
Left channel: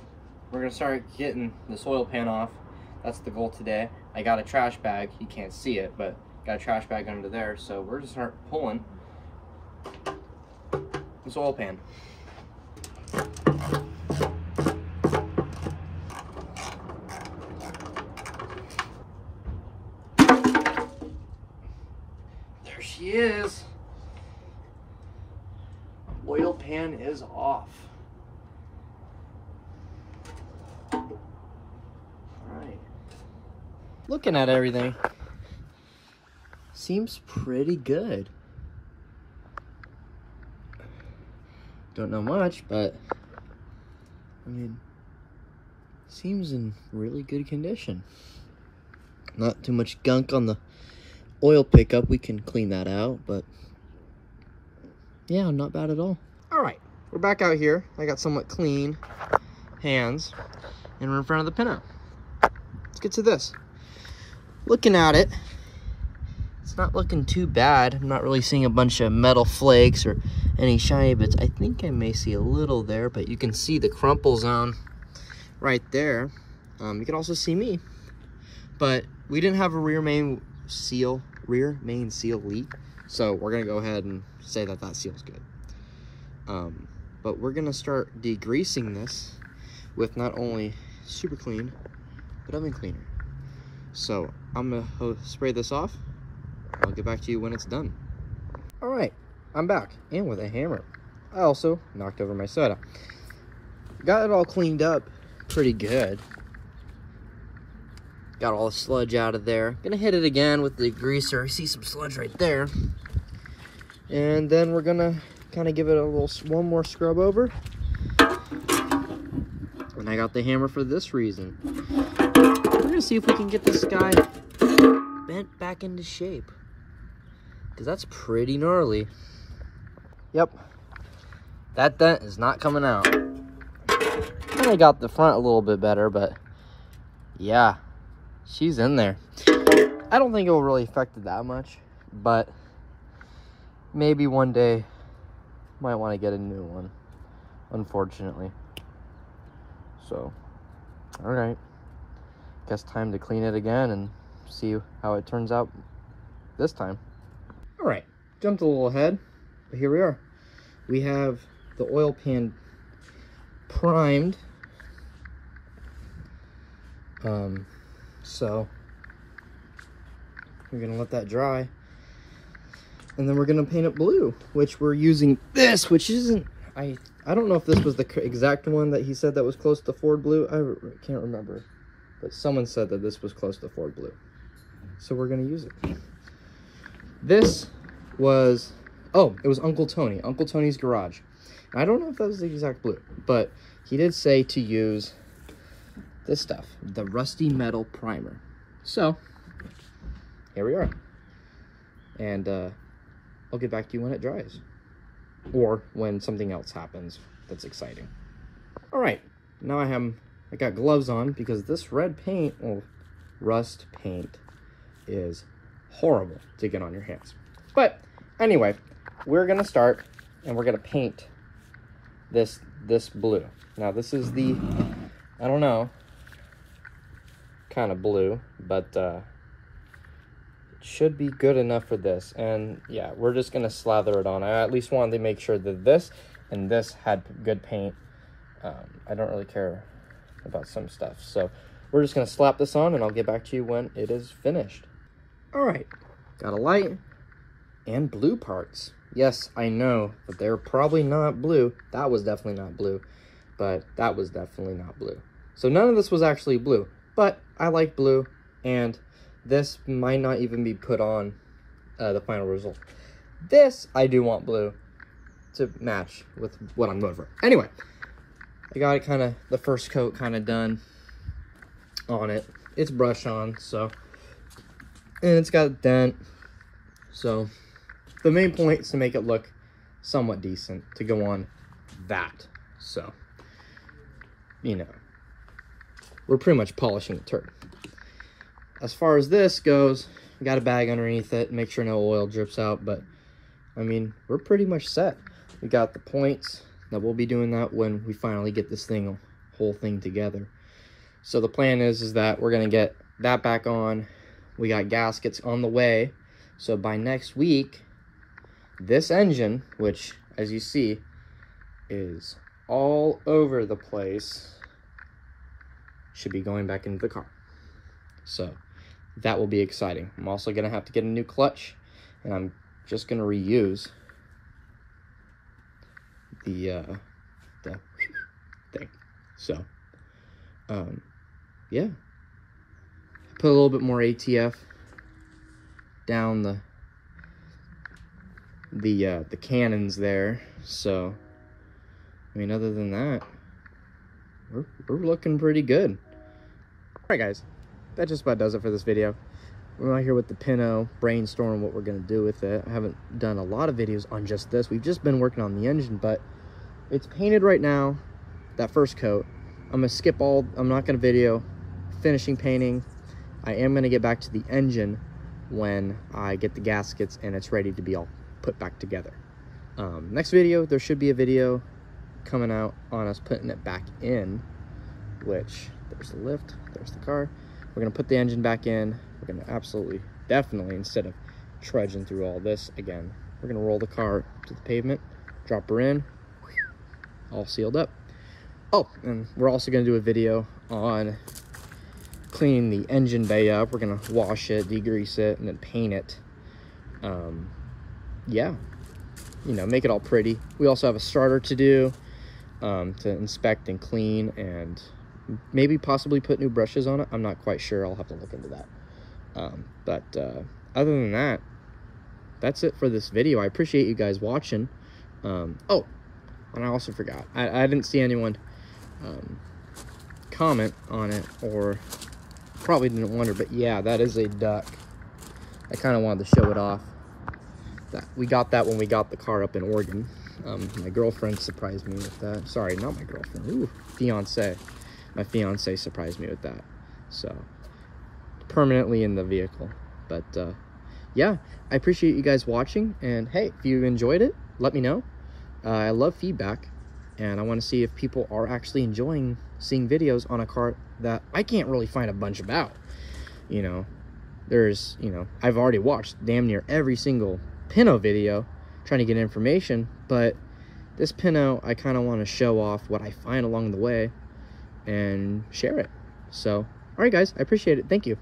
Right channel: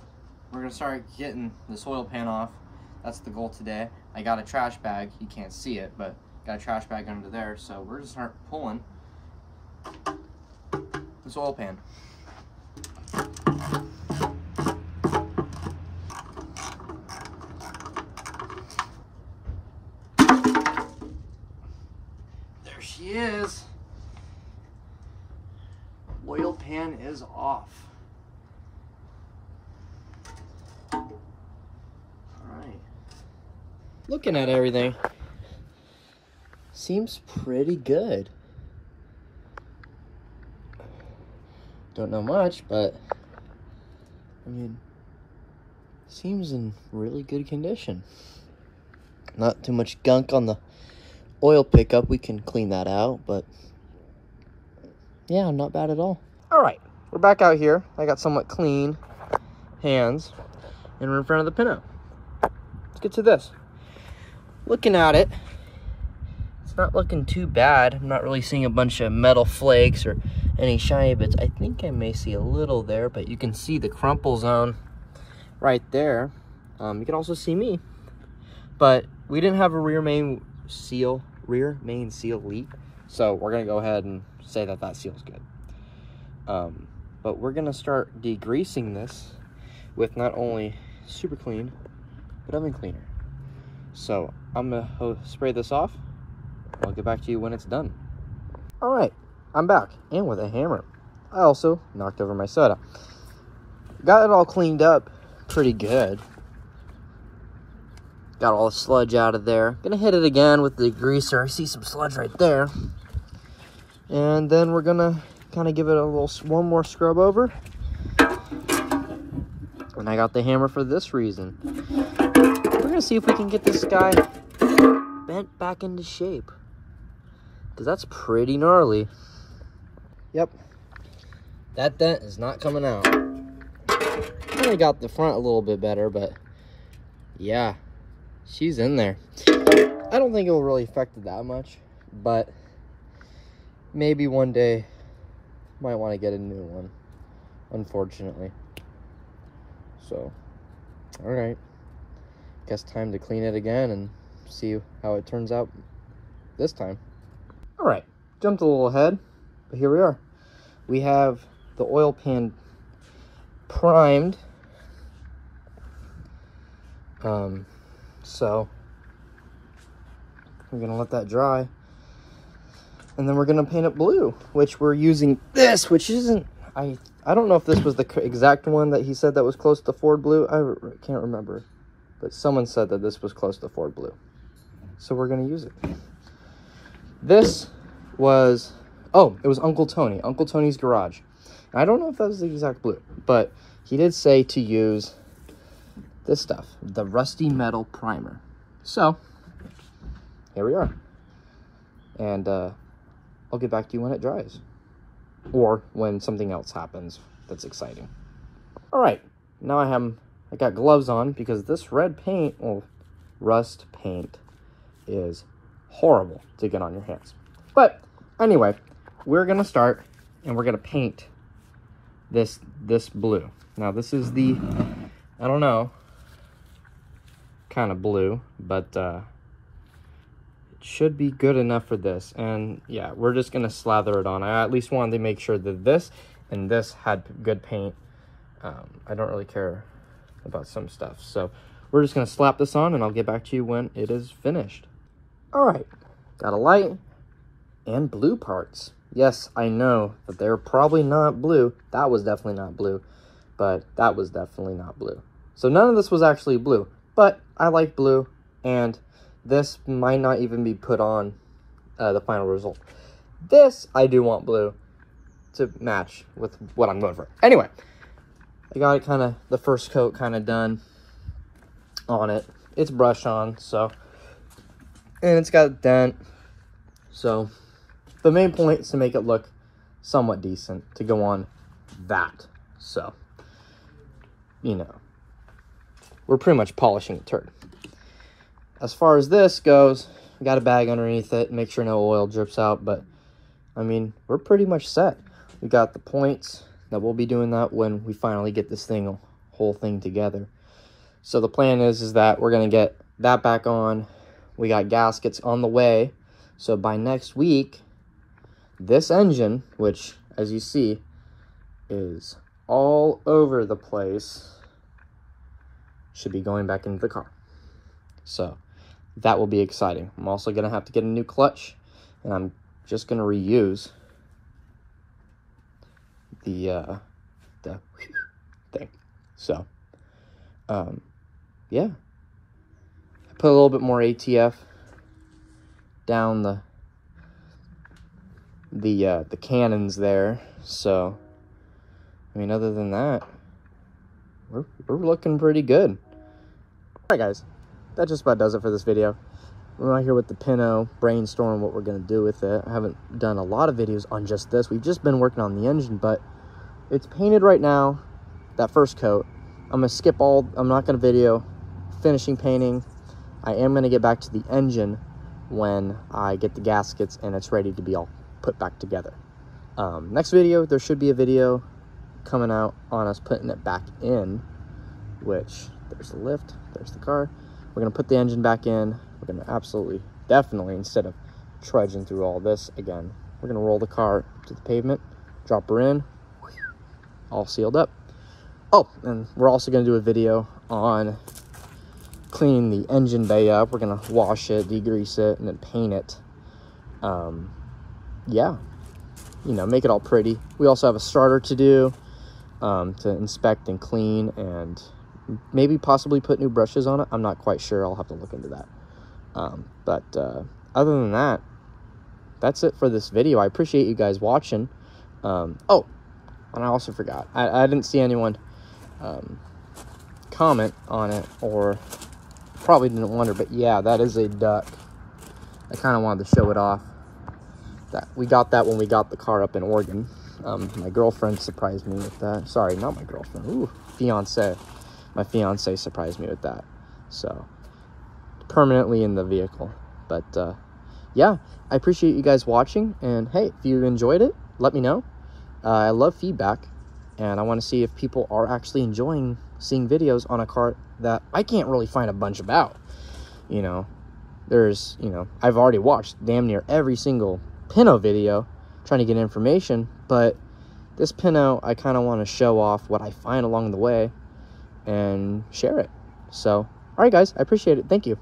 we're gonna start getting this oil pan off. That's the goal today. I got a trash bag. You can't see it, but got a trash bag under there. So we're gonna start pulling this oil pan. There she is. Oil pan is off. All right. Looking at everything, seems pretty good. Don't know much, but I mean, seems in really good condition. Not too much gunk on the oil pickup. We can clean that out, but yeah, not bad at all. All right, we're back out here. I got somewhat clean hands, and we're in front of the pinto. Let's get to this. Looking at it, it's not looking too bad. I'm not really seeing a bunch of metal flakes or any shiny bits. I think I may see a little there, but you can see the crumple zone right there. You can also see me, but we didn't have a rear main seal leak, so we're gonna go ahead and say that that seal's good. But we're gonna start degreasing this with not only super clean but oven cleaner. So I'm gonna spray this off. I'll get back to you when it's done. All right, I'm back, and with a hammer. I also knocked over my soda. Got it all cleaned up pretty good. Got all the sludge out of there. Gonna hit it again with the degreaser. I see some sludge right there. And then we're gonna kind of give it a little one more scrub over. And I got the hammer for this reason. We're gonna see if we can get this guy bent back into shape, because that's pretty gnarly. Yep, that dent is not coming out. I got the front a little bit better, but yeah, she's in there. I don't think it will really affect it that much, but maybe one day might want to get a new one, unfortunately. So, all right, guess time to clean it again and see how it turns out this time. All right, jumped a little ahead, but here we are. We have the oil pan primed. So we're gonna let that dry, and then we're gonna paint it blue, which we're using this, which isn't, I don't know if this was the exact one that he said that was close to Ford blue. I can't remember, but someone said that this was close to Ford blue, so we're gonna use it. This was, oh, it was Uncle Tony's garage. I don't know if that was the exact blue, but he did say to use this stuff, the rusty metal primer. So here we are, and I'll get back to you when it dries, or when something else happens that's exciting. All right, now I got gloves on, because this red paint, well, rust paint, is horrible to get on your hands. But anyway, we're gonna start and we're gonna paint this blue. Now this is the, I don't know, kind of blue, but it should be good enough for this. And yeah, we're just gonna slather it on. I at least wanted to make sure that this and this had good paint. I don't really care about some stuff, so we're just gonna slap this on, and I'll get back to you when it is finished. All right, got a light and blue parts. Yes, I know that they're probably not blue. That was definitely not blue, but that was definitely not blue. So none of this was actually blue, but I like blue, and this might not even be put on the final result. This, I do want blue to match with what I'm going for. Anyway, I got it kind of, the first coat kind of done on it. It's brush on, so, and it's got a dent. So the main point is to make it look somewhat decent to go on that. So, you know, we're pretty much polishing the turd. As far as this goes, I got a bag underneath it, make sure no oil drips out, but I mean, we're pretty much set. We got the points that we'll be doing that when we finally get this thing, whole thing together. So the plan is that we're gonna get that back on. We got gaskets on the way. So by next week, this engine, which as you see is all over the place, should be going back into the car. So that will be exciting. I'm also gonna have to get a new clutch, and I'm just gonna reuse the thing. So yeah, I put a little bit more ATF down the cannons there. So I mean, other than that, we're looking pretty good. All right, guys, that just about does it for this video. We're out here with the Pinto, brainstorm what we're gonna do with it. I haven't done a lot of videos on just this. We've just been working on the engine, but it's painted right now, that first coat. I'm gonna skip all, I'm not gonna video finishing painting. I am gonna get back to the engine when I get the gaskets and it's ready to be all put back together. Next video, there should be a video coming out on us putting it back in, which there's the lift, there's the car. We're gonna put the engine back in. We're gonna absolutely, definitely, instead of trudging through all this again, we're gonna roll the car to the pavement, drop her in, all sealed up. Oh, and we're also gonna do a video on cleaning the engine bay up. We're gonna wash it, degrease it, and then paint it. Yeah, you know, make it all pretty. We also have a starter to do, to inspect and clean, and maybe possibly put new brushes on it. I'm not quite sure. I'll have to look into that. But other than that, that's it for this video. I appreciate you guys watching. Oh, and I also forgot. I didn't see anyone comment on it, or probably didn't wonder, but yeah, that is a duck. I kind of wanted to show it off. That we got that when we got the car up in Oregon. My girlfriend surprised me with that. Sorry, not my girlfriend. Ooh, fiance. My fiance surprised me with that. So permanently in the vehicle. But yeah, I appreciate you guys watching, and hey, if you enjoyed it, let me know. I love feedback, and I want to see if people are actually enjoying seeing videos on a car that I can't really find a bunch about. You know, there's, you know, I've already watched damn near every single Pinto video trying to get information, but this Pinto, I kind of want to show off what I find along the way and share it. So all right, guys, I appreciate it. Thank you.